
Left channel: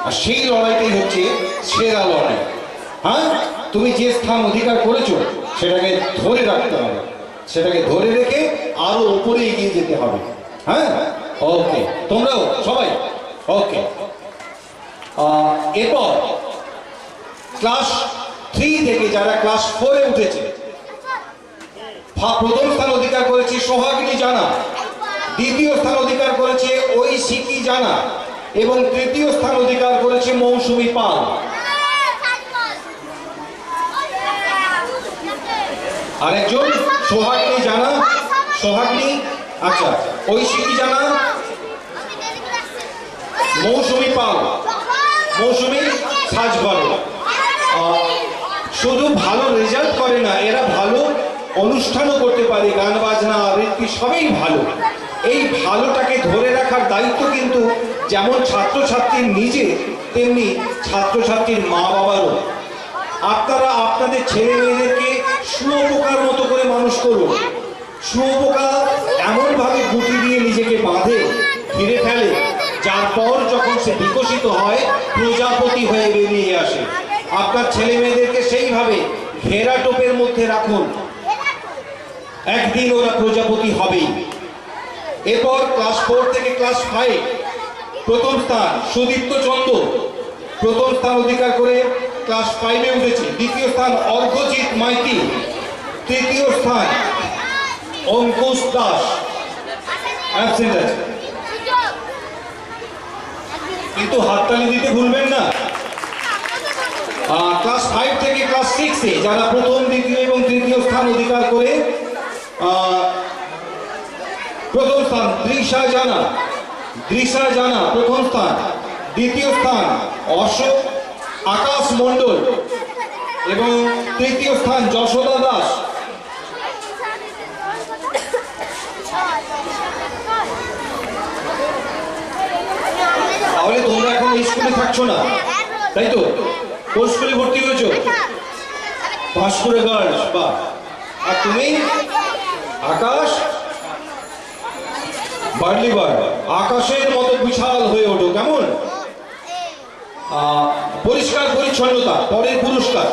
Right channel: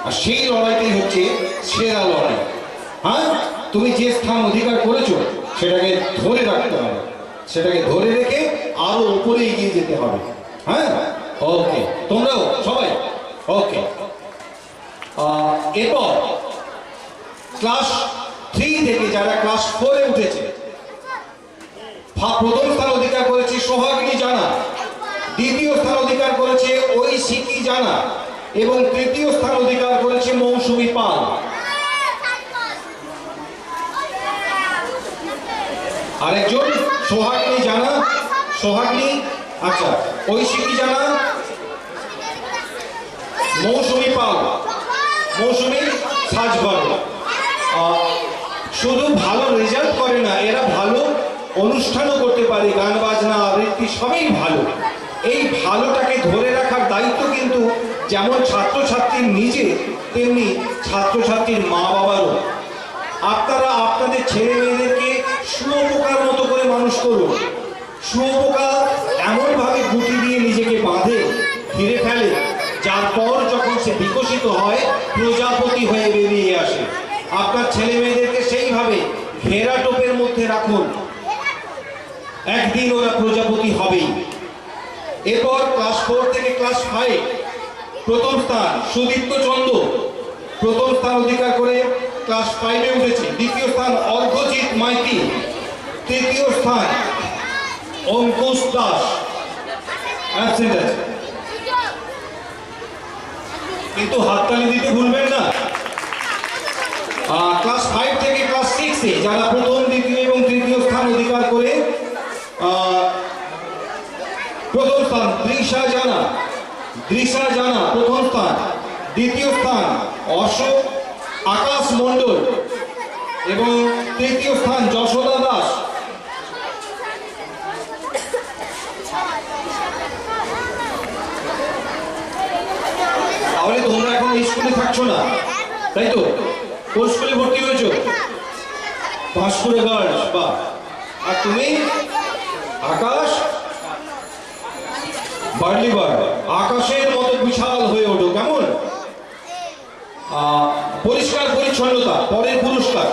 আর সেই লড়াইটাই হচ্ছে সেরা লড়াই। হ্যাঁ, তুমি যে স্থান অধিকার করেছো সেটাকে ধরে রাখতে হবে, সেটাকে ধরে রেখে আরো উপরে এগিয়ে যেতে হবে। হ্যাঁ, ওকে, তোমরাও সবাই ওকে। এরপর ক্লাস 3 থেকে যারা ক্লাস 4-এ উঠেছে, প্রথম স্থান অধিকার করেছে সোহাগিনী জানা, দ্বিতীয় স্থান অধিকার করেছে ঐশিকী জানা এবং তৃতীয় স্থান অধিকার করেছে মৌসুমী পাল। আরেকজন সোহাগিনী জানা, সোহাগিনী, আচ্ছা, ঐশিকী জানা, মৌসুমী পাল, মৌসুমী সাজবার। শুধু ভালো রেজাল্ট করে না, এরা ভালো অনুষ্ঠানও করতে পারে, গান বাজনা আবৃত্তি সবই ভালো। এই ভালোটাকে ধরে রাখার দায়িত্ব কিন্তু যেমন ছাত্রছাত্রীর নিজে, তেমনি ছাত্রছাত্রীর মা বাবারও। আপনারা আপনাদের ছেলে মেয়েদেরকে শুয়োপোকার মতো করে মানুষ করুন। শুয়োপোকা এমনভাবে গুটি দিয়ে নিজেকে বাঁধে, ঘিরে ফেলে, যার পর যখন সে বিকশিত হয় প্রজাপতি হয়ে বেরিয়ে আসে। আপনার ছেলে মেয়েদেরকে সেইভাবে ঘেরা টোপের মধ্যে রাখুন, একদিন ওরা প্রজাপতি হবেই। এরপর ক্লাস 4 থেকে ক্লাস 5 প্রথম স্থান সুদীপ্ত চন্দ্র, প্রথম স্থান অধিকার করে ক্লাস 5-এ উঠেছে। দ্বিতীয় স্থান অর্ঘজিৎ মাইতি, তৃতীয় স্থান অঙ্কুশ দাস, অ্যাবসেন্ট আছে। কিন্তু হাততালি দিতে ভুলবেন না। ক্লাস 5 থেকে ক্লাস 6-এ যারা প্রথম, দ্বিতীয় এবং তৃতীয় স্থান অধিকার করে, প্রথম স্থান দৃশা জানা, দৃশা জানা প্রথম স্থান, দ্বিতীয় স্থান অশোক আকাশ মণ্ডল এবং তৃতীয় স্থান যশোদা দাস। তাহলে তোমরা এখন এই স্কুলে থাকছো না, তাই তো? কোন স্কুলে ভর্তি হয়েছো? ভাস্করে গার্লস। বা আর তুমি? আকাশ বার্লি বার্ড। আকাশের মতো বিশাল হয়ে ওঠো, কেমন? পরিচ্ছন্নতা পরের পুরস্কার।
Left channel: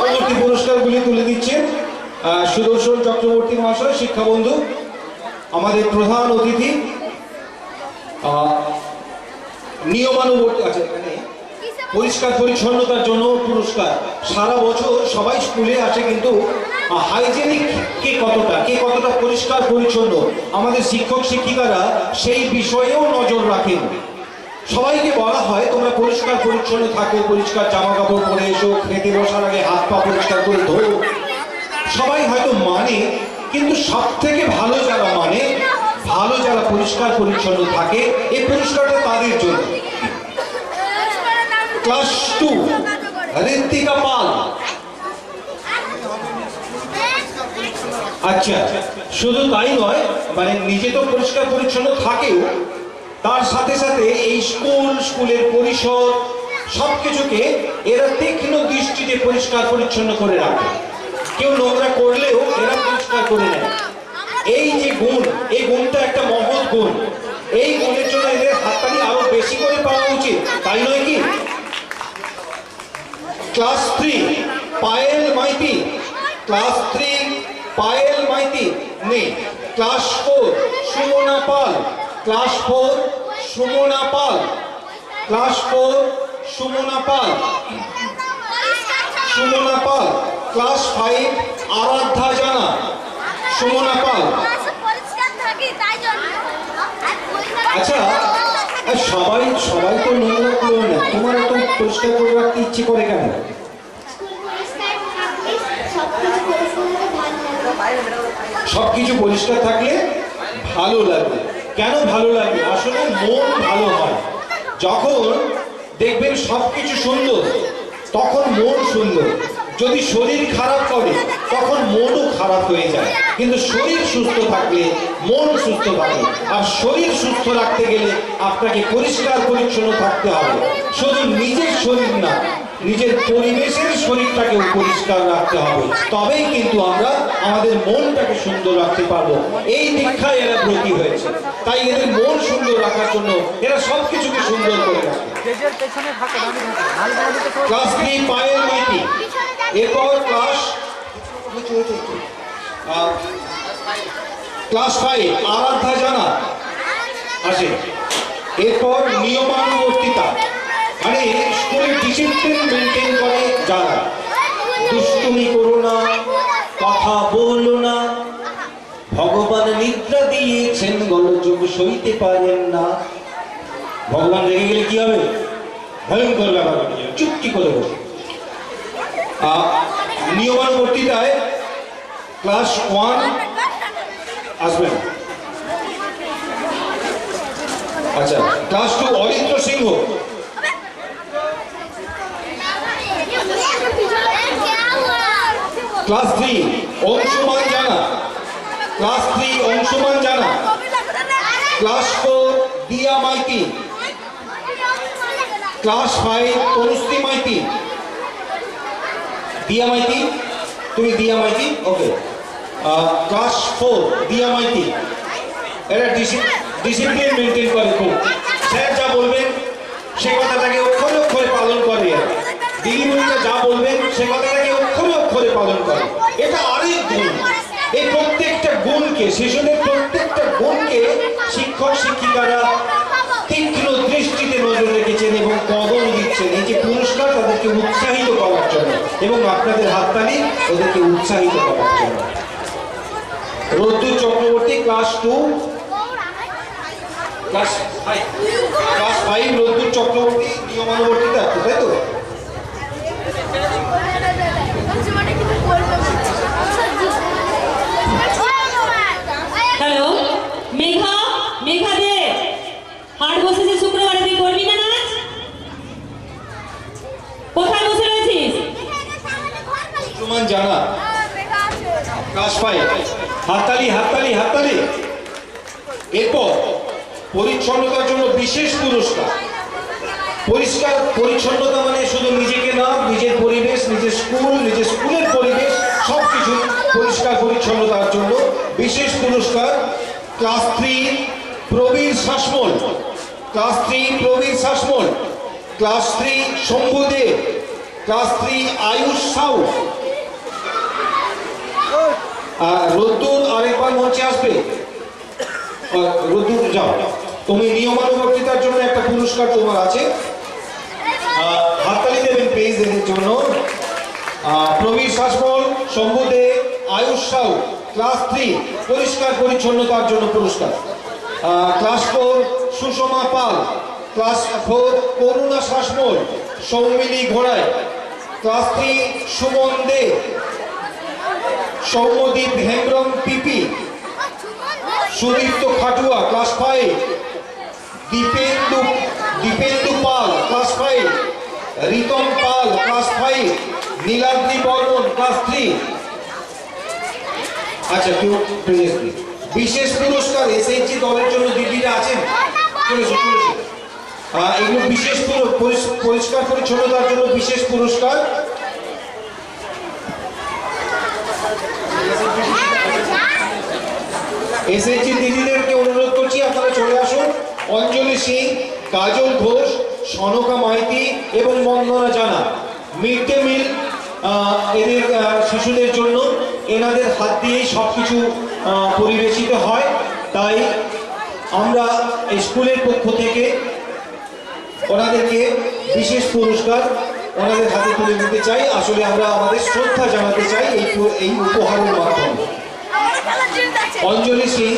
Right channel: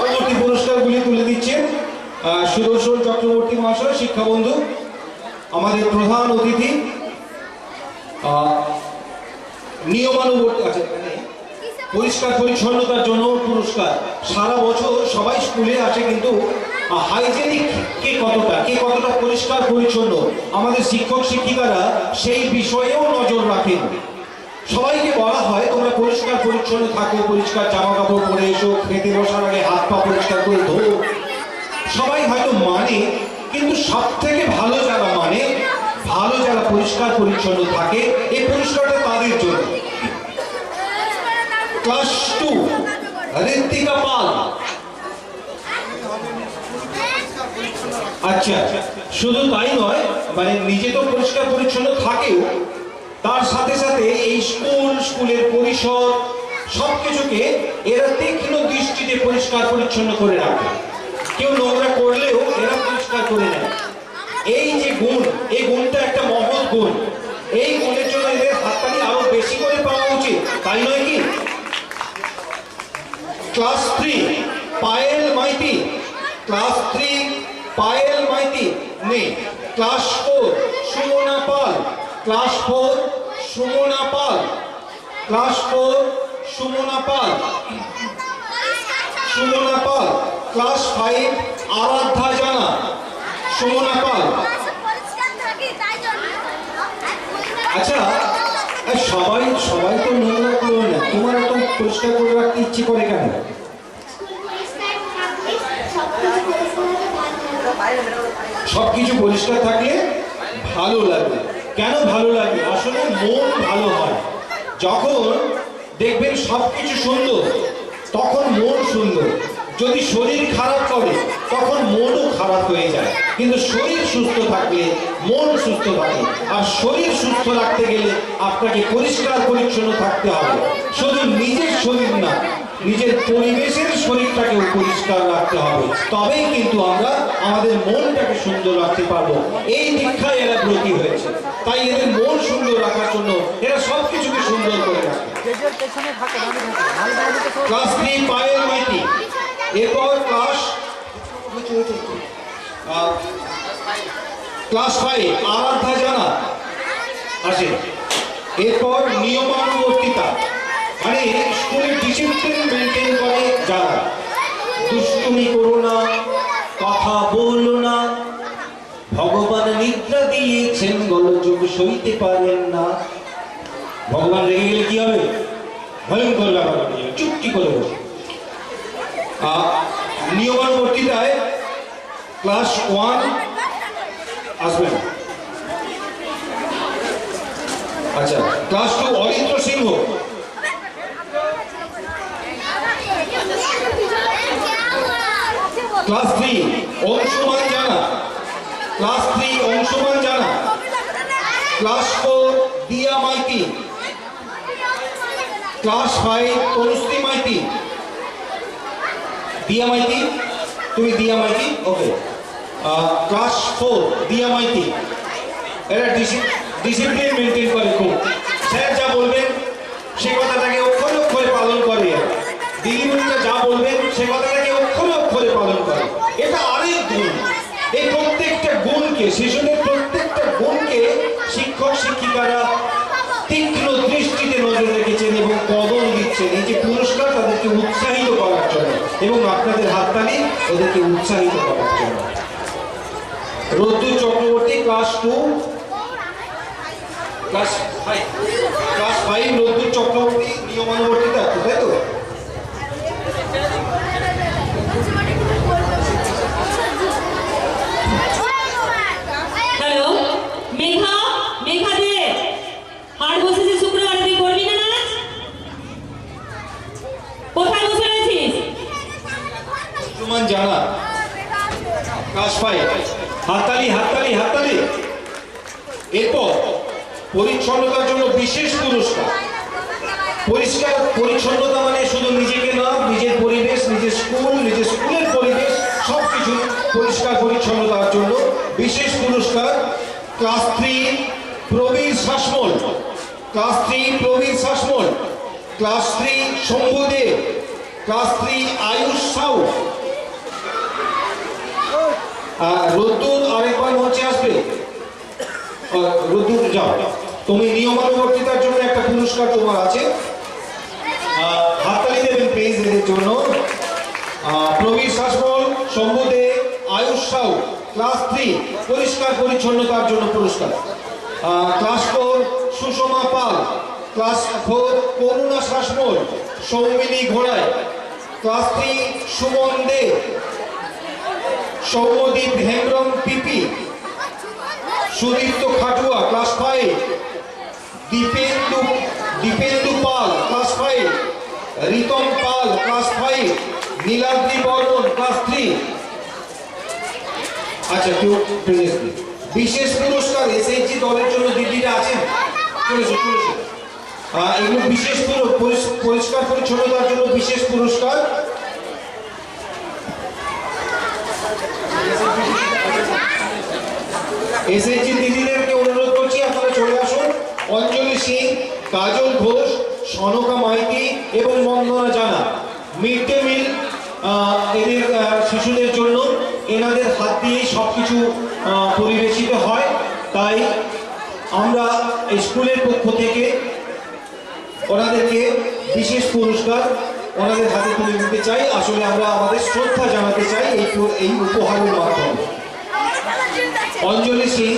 পরবর্তী পুরস্কারগুলি তুলে দিচ্ছেন সুদর্শন চক্রবর্তী মহাশয়, শিক্ষাবন্ধু, আমাদের প্রধান অতিথি। নিয়মানুবর্তী আছে এখানে পরিষ্কার পরিচ্ছন্নতার জন্য পুরস্কার। সারা বছর সবাই স্কুলে আসে, কিন্তু হাইজেনিক কে কতটা পরিষ্কার পরিচ্ছন্ন আমাদের শিক্ষক শিক্ষিকারা সেই বিষয়েও নজর রাখেন। সবাইকে বলা হয় তোমরা পরিষ্কার পরিচ্ছন্ন থাকো, পরিষ্কার জামা কাপড় পরে এসো, খেতে বসার আগে হাত পা পরিষ্কার করে ধো। সবাই হয়তো মানে, কিন্তু সব থেকে ভালো যারা পরিষ্কার পরিচ্ছন্ন থাকে, এই পুরস্কারটা তাদের জন্য। ক্লাস 2 ঋত্বিকা পাল। আচ্ছা, শুধু তাই নয়, মানে নিজে তো পরিষ্কার পরিচ্ছন্ন থাকেও, তার সাথে সাথে এই স্কুলের পরিসর সবকিছুকে এরা তীক্ষ্ণ দৃষ্টিতে পরিষ্কার পরিচ্ছন্ন করে রাখে। কেউ নোংরা করলেও এরা পরিষ্কার করে নেয়। এই যে গুণ, এই গুণটা একটা মহৎ গুণ। এই গুণের জন্য এদের হাততালি আরো বেশি করে পাওয়া উচিত, তাই নয় কি? ক্লাস 3 পায়েল মাইতি। ক্লাস 3 পায়েল মাইতি নেই। ক্লাস 4 সুমনা পাল। ক্লাস 4 সুমনা পাল। ক্লাস 4 সুমনা পাল। সুমনা পাল। ক্লাস 5 আরাধ্যা জানা। সুমনা পাল। আচ্ছা, সবাই তো নোংরা করে না, তোমার এত পরিষ্কার করে রাখতে ইচ্ছে করে কেন? সবকিছু পরিষ্কার থাকলে ভালো লাগে। কেন ভালো লাগে? আসলে মন ভালো হয়। যখন দেখবেন সবকিছু সুন্দর, তখন মন সুন্দর। যদি শরীর খারাপ করে, তখন মনও খারাপ হয়ে যায়। কিন্তু শরীর সুস্থ থাকলে মন সুস্থ থাকে। আর শরীর সুস্থ রাখতে গেলে আপনাকে পরিষ্কার পরিচ্ছন্ন থাকতে হবে। শুধু নিজের শরীর না, নিজের পরিবেশের শরীরটাকেও পরিষ্কার রাখতে হবে। তবেই কিন্তু আমরা আমাদের মনটাকে সুন্দর রাখতে পারবো। এই দীক্ষায় এরা ব্রতী হয়েছে, তাই এদের মন সুন্দর রাখার জন্য এরা সবকিছুকে সুন্দর করে রাখে। ক্লাস 3 পায়েল মাইতি। এরপর ক্লাস 5 আরাধ্যা জানা আসে। এরপর নিয়মানুবর্তিতা, মানে স্কুলের ডিসিপ্লিন মেনটেন করে যারা। দুষ্টুমি করো না, কথা বলো না, ভগবান নিদ্রা দিয়েছেন, গোলযোগ সইতে পারেন না। ভগবান রেগে গেলে কি হবে? ভয়ঙ্কর ব্যাপার, চুপটি করে বসে। নিয়মানুবর্তিতায় ক্লাস 1 আসবেন। আচ্ছা, ক্লাস 2 অরিত্র সিংহ। ক্লাস 3 অংশুমান জানা। ক্লাস 3 অংশুমান জানা। ক্লাস 4 দিয়া মাইতি। ক্লাস 5 তনুশ্রী মাইতি। দিয়া মাইতি, তুমি দিয়া মাইতি, ওকে। ক্লাস 4 দিয়া মাইতি। এরা ডিসিপ্লিন মেনটেন করে খুব। স্যার যা বলবেন সে কথাটাকে অক্ষরে অক্ষরে পালন করে। দিদিমণিরা যা বলবেন সে কথাটাকে অক্ষরে অক্ষরে পালন করে। এটা আরেক গুণ। এই প্রত্যেকটা গুণকে, শিশুদের প্রত্যেকটা গুণকে শিক্ষক শিক্ষিকারা তীক্ষ্ণ দৃষ্টিতে নজর রেখেছেন এবং কদর দিচ্ছেন। এই যে পুরস্কার তাদেরকে উৎসাহিত করার জন্য, এবং আপনাদের হাততালি ওদেরকে উৎসাহিত করার জন্য। রদ্দুর চক্রবর্তী ক্লাস 2 ক্লাস 5 রদ্দুর চক্রবর্তী নিয়মানুবর্তিতা, তাই তো? হ্যালো, মেঘা দে, হাট বসেছে শুক্রবারে, তুই করবি না নাচ? কোথায় বসে রয়েছিস? সুমন জানা ক্লাস 5, হাততালি হাততালি হাততালি। এরপর পরিচ্ছন্নতার জন্য বিশেষ পুরস্কার। পরিষ্কার পরিচ্ছন্নতা মানে শুধু নিজেকে না, নিজের পরিবেশ, নিজের স্কুলের পরিবেশ সবকিছু পরিষ্কার পরিচ্ছন্নতার জন্য বিশেষ পুরস্কার class 3 Prabir Sasmal, class 3 Prabir Sasmal, class 3 Shambhu Dey, class 3 Ayush Sau. রোদ্দুর আরেকবার মঞ্চে আসবে। রোদ্দুর যাও, তুমি নিয়মানুবর্তিতার জন্য একটা পুরস্কার তোমার আছে, হাততালি দেবেন প্লিজ এদের জন্য। প্রবীর শাসমল, শম্ভু দে, আয়ুষ সাউ, ক্লাস 3 পরিষ্কার পরিচ্ছন্নতার জন্য পুরস্কার। ক্লাস 4 সুষমা পাল, ক্লাস 4 করুণা শাসমল, সৌমিনী ঘোড়ায়, ক্লাস 3 সুমন দে, সৌম্যদীপ হেমব্রম পিপি, সুদীপ্ত খাটুয়া, ক্লাস 5 দীপেন্দু পাল, ক্লাস 5 রিতম পাল, ক্লাস 5 নীলাদ্রি বর্মন, ক্লাস 3। আচ্ছা, কেউ বিশেষ পুরস্কার এসএইচজি দলের জন্য দিদিরা আছেন, চলেছে। এগুলো বিশেষ পরিষ্কার পরিচ্ছন্নতার জন্য বিশেষ পুরস্কার। এসএইচজি দিদিদেরকে অনুরোধ করছি আপনারা চলে আসুন। অঞ্জলি সিং, কাজল ঘোষ, সনকা মাইতি এবং বন্দনা জানা। মিড ডে মিল এদের শিশুদের জন্য এনাদের হাত দিয়েই সবকিছু পরিবেশিত হয়, তাই আমরা স্কুলের পক্ষ থেকে ওনাদেরকে বিশেষ পুরস্কার ওনাদের হাতে তুলে দিতে চাই। আসলে আমরা আমাদের শ্রদ্ধা জানাতে চাই এই উপহারের মাধ্যমে। অঞ্জলি সিং,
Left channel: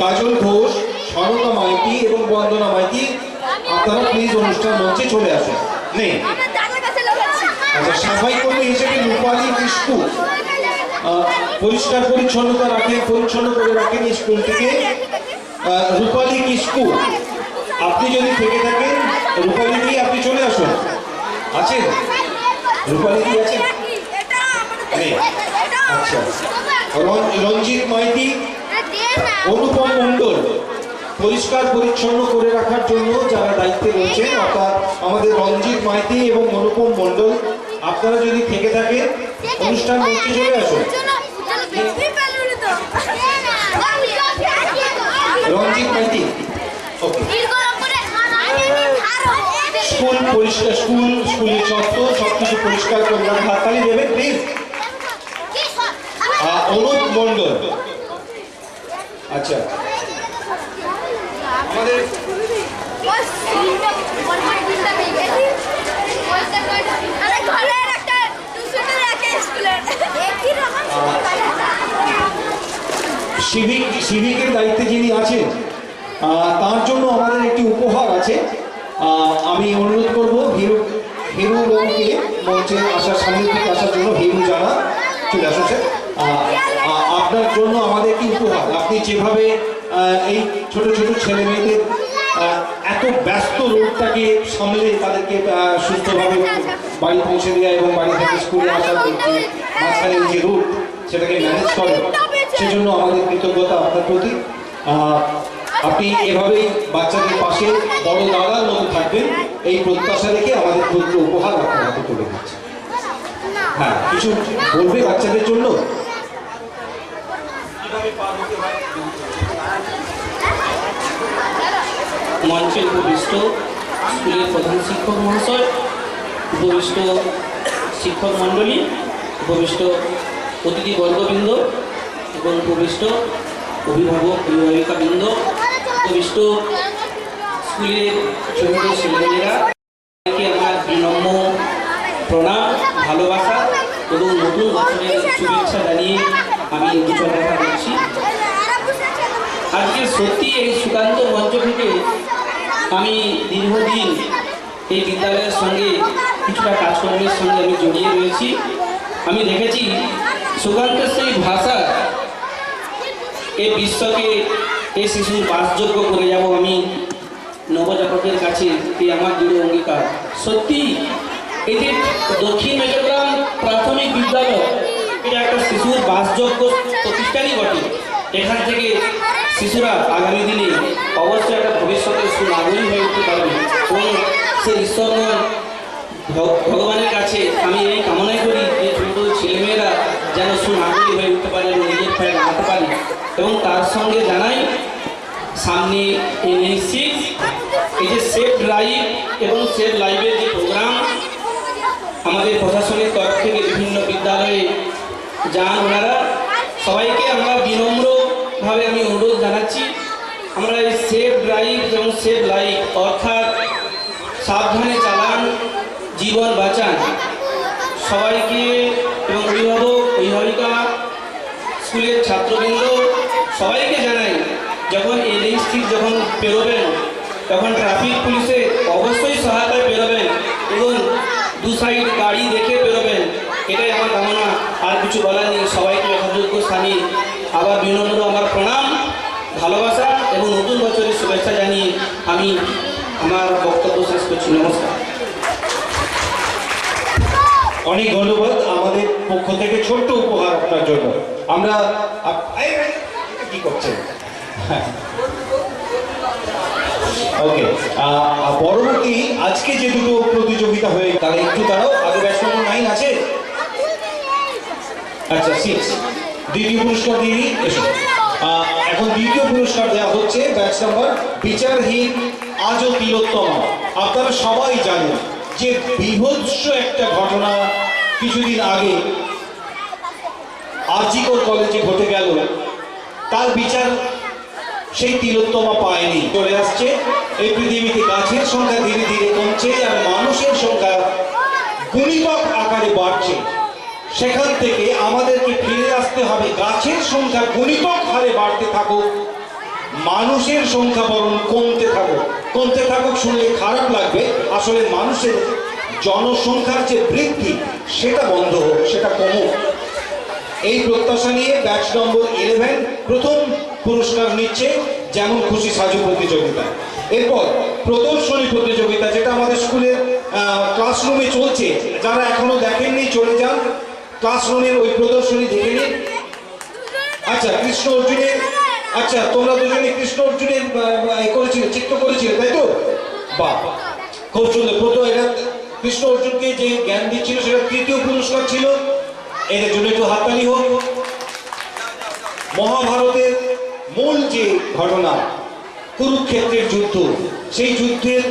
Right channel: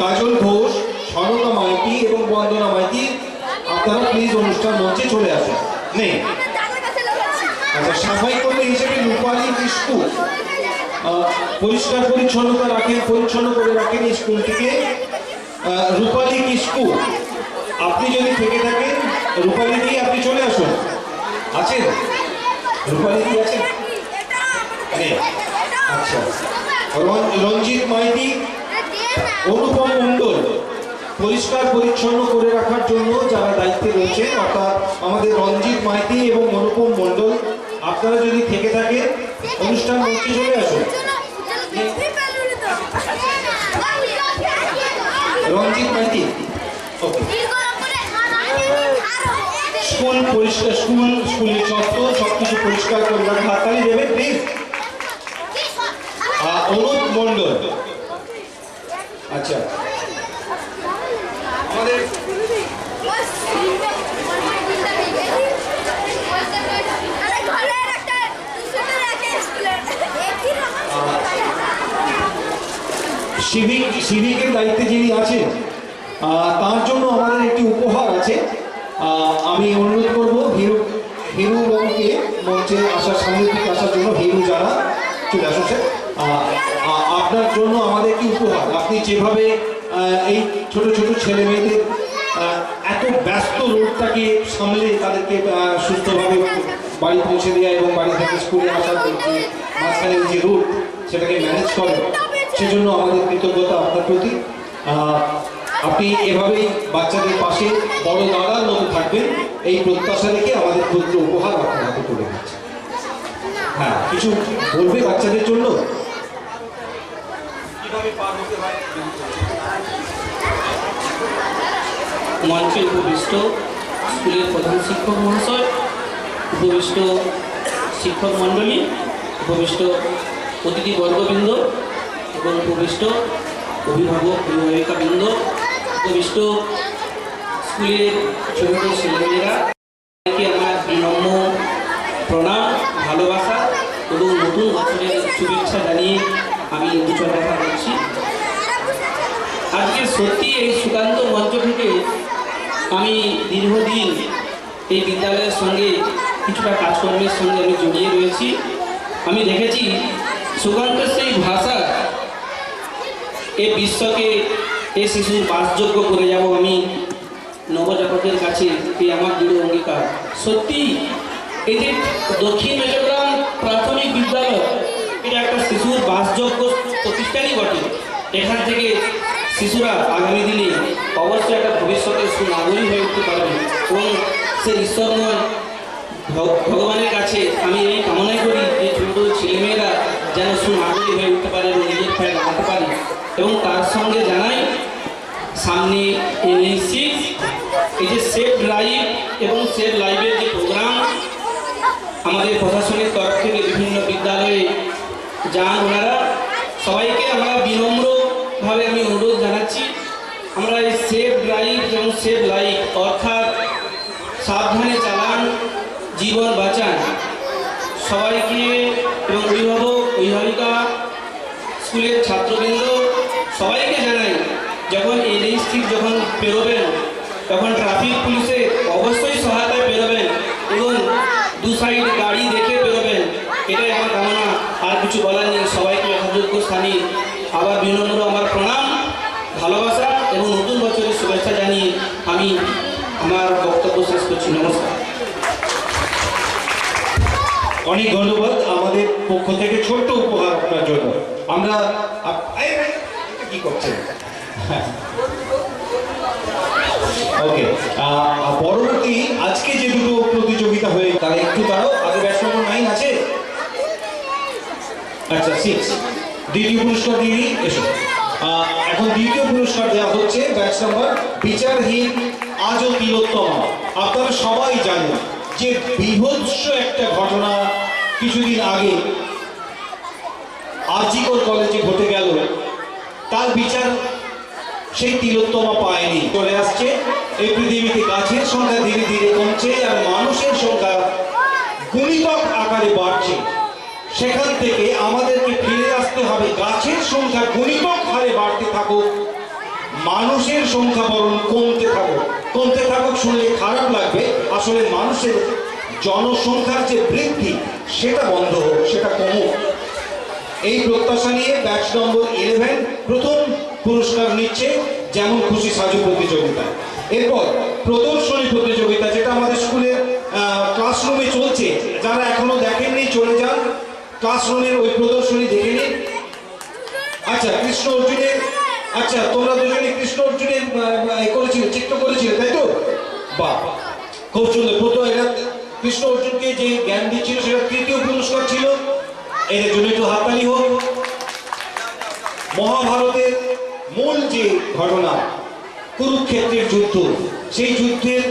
কাজল ঘোষ, সনকা মাইতি এবং বন্দনা মাইতি, আপনারা প্লিজ অনুষ্ঠান মঞ্চে চলে আসুন। নেই আচ্ছা, সাফাই কর্মী হিসেবে রূপালী কিস্কু পরিষ্কার পরিচ্ছন্ন করে রাখেন স্কুলটিকে। রূপালী কিস্কু, আপনি যদি থেকে থাকেন রূপালী দি আপনি চলে আসুন। আছেন রূপালী দি আছেন? আচ্ছা, রঞ্জিত মাইতি, অনুপম মণ্ডল পরিষ্কার পরিচ্ছন্ন করে রাখার জন্য যারা দায়িত্বে রয়েছেন, অর্থাৎ আমাদের রঞ্জিত মাইতি এবং অনুপম মণ্ডল, আপনারা যদি থেকে থাকেন অনুষ্ঠান মঞ্চে চলে আসুন। রঞ্জিত মাইতি, স্কুলের চত্বর সবকিছু পরিষ্কার করে রাখা, হাততালি দেবেন প্লিজ। অনুপ মণ্ডল, আচ্ছা আমাদের সিভিকের দায়িত্বে যিনি আছেন তার জন্য আমাদের একটি উপহার আছে। আমি অনুরোধ করবো হিরু রঙকে মঞ্চে আসার, সামনের দিকে আসার জন্য। হিরু জানা চলে আসছে। আপনার জন্য আমাদের একটি উপহার। আপনি যেভাবে এই ছোট ছোট ছেলে মেয়েদের এত ব্যস্ত রোডটাকে সামলে তাদেরকে সুস্থভাবে বাড়ি পৌঁছে দেওয়া এবং বাড়ি থেকে স্কুলে আসার মাঝখানে যে রোড সেটাকে ম্যানেজ করেন, সেজন্য আমাদের কৃতজ্ঞতা আপনার প্রতি। আপনি এভাবেই বাচ্চাদের পাশে বড় দাদার মতো থাকবেন, এই প্রত্যাশা রেখে আমাদের ক্ষুদ্র উপহার আপনার হাতে তুলে দিচ্ছি। হ্যাঁ, কিছু বলবে বাচ্চাদের জন্য? মঞ্চে উপবিষ্ট স্কুলের প্রধান শিক্ষক মহাশয়, উপবিষ্ট শিক্ষক মণ্ডলী, উপবিষ্ট অতিথিবর্গবৃন্দ এবং উপবিষ্ট অভিভাবক অভিভাবিকাবৃন্দ, উপবিষ্ট স্কুলের ছোট ছোট ছেলেমেয়েরা, আমার বিনম্র প্রণাম, ভালোবাসা এবং নতুন বছরের শুভেচ্ছা জানিয়ে আমি কিছু কথা বলছি। আজকে সত্যি এই সুকান্ত মঞ্চ থেকে আমি দীর্ঘদিন এই বিদ্যালয়ের সঙ্গে কিছুটা কাজকর্মের সঙ্গে আমি জড়িয়ে রয়েছি। আমি দেখেছি সুকান্তের সেই ভাষা এই বিশ্বকে এই শিশুর বাসযোগ্য করে যাব আমি নবজাতকের কাছে, এই আমার দৃঢ় অঙ্গীকার। সত্যি এই যে দক্ষিণ মেজরগ্রাম প্রাথমিক বিদ্যালয়, এটা একটা শিশুর বাসযোগ্য প্রতিষ্ঠানই বটে। এখান থেকে শিশুরা আগামী দিনে অবশ্যই একটা ভবিষ্যতের সুনাগরিক হয়ে উঠতে পারবে। সেই ঈশ্বরময় ভগবানের কাছে আমি এই কামনাই করি যে ছোট ছেলেমেয়েরা যেন সুনাগরিক হয়ে উঠতে পারে এবং নিজের পায়ে দাঁড়াতে পারে। এবং তার সঙ্গে জানাই সামনে NH6 এই যে সেফ ড্রাইভ এবং সেফ লাইভের যে প্রোগ্রাম আমাদের প্রশাসনের তরফ থেকে বিভিন্ন বিদ্যালয়ে যান ওনারা, সবাইকে আমরা বিনম্রভাবে আমি অনুরোধ জানাচ্ছি আমরা এই সেফ ড্রাইভ এবং সেফ লাইভ অর্থাৎ সাবধানে চালান জীবন বাঁচান সবাইকে এবং অভিভাবক অভিভাবিকা স্কুলের ছাত্রবৃন্দ সবাইকে জানাই যখন NH6 যখন পেরোবেন তখন ট্রাফিক পুলিশে অবশ্যই সহায়তায় বেরোবেন এবং দু সাইড গাড়ি দেখে বেরোবেন, এটাই আমার কামনা। আর কিছু বলার নেই, সবাইকে যথাযোগ্য স্থানে আবার বিনম্র আমার প্রণাম, ভালোবাসা এবং নতুন বছরের শুভেচ্ছা জানিয়ে আমি আমার বক্তব্য শেষ করছি। নমস্কার। অনেক ধন্যবাদ। আমাদের পক্ষ থেকে ছোট্ট উপহার আপনার জন্য। আমরা কি করছেন? ওকে, পরবর্তী আজকে যে দুটো প্রতিযোগিতা হয়ে তারা একটু দাঁড়াও, আগে ব্যাচ নম্বর 9 আছে, আচ্ছা 6, দ্বিতীয় পুরস্কার দিয়ে এসো। এখন দ্বিতীয় পুরস্কার দেওয়া হচ্ছে ব্যাচ নম্বর বিচারহীন আজও তিলোত্তমা। আপনারা সবাই জানেন যে বীভৎস একটা ঘটনা কিছুদিন আগে আরজিকর কলেজে ঘটে গেল, তার বিচার সেই তিলোত্তমা পায়নি। চলে আসছে এই পৃথিবীতে গাছের সংখ্যা ধীরে ধীরে কমছে আর মানুষের সংখ্যা গুণিতক আকারে বাড়ছে। সেখান থেকে আমাদেরকে ফিরে আসতে হবে, গাছের সংখ্যা গুণিতক হারে বাড়তে থাকুক, মানুষের সংখ্যা বরং কমতে থাকুক। শুনলে খারাপ লাগবে, আসলে মানুষের জনসংখ্যার যে বৃদ্ধি সেটা বন্ধ হোক, সেটা কমুক। এই প্রত্যাশা নিয়ে ব্যাচ নম্বর 11 প্রথম পুরস্কার নিচ্ছে যেমন খুশি সাজু প্রতিযোগিতা। এরপর প্রদর্শনী প্রতিযোগিতা, যেটা আমাদের স্কুলের ক্লাসরুমে চলছে। যারা এখনো দেখেননি চলে যান ক্লাসরুমের ওই প্রদর্শনী দেখে নিন। আচ্ছা, কৃষ্ণ অর্জুনের, আচ্ছা তোমরা দুজনে কৃষ্ণ অর্জুনের করেছিলে, চিত্র করেছিলে তাই তো? বাহ, খুব সুন্দর। প্রথম এরা কৃষ্ণ অর্জুনকে যে জ্ঞান দিচ্ছিল সেটা তৃতীয় পুরস্কার ছিল। এর জন্য একটু হাততালি হোক। মহাভারতের মূল যে ঘটনা কুরুক্ষেত্রের যুদ্ধ, সেই যুদ্ধের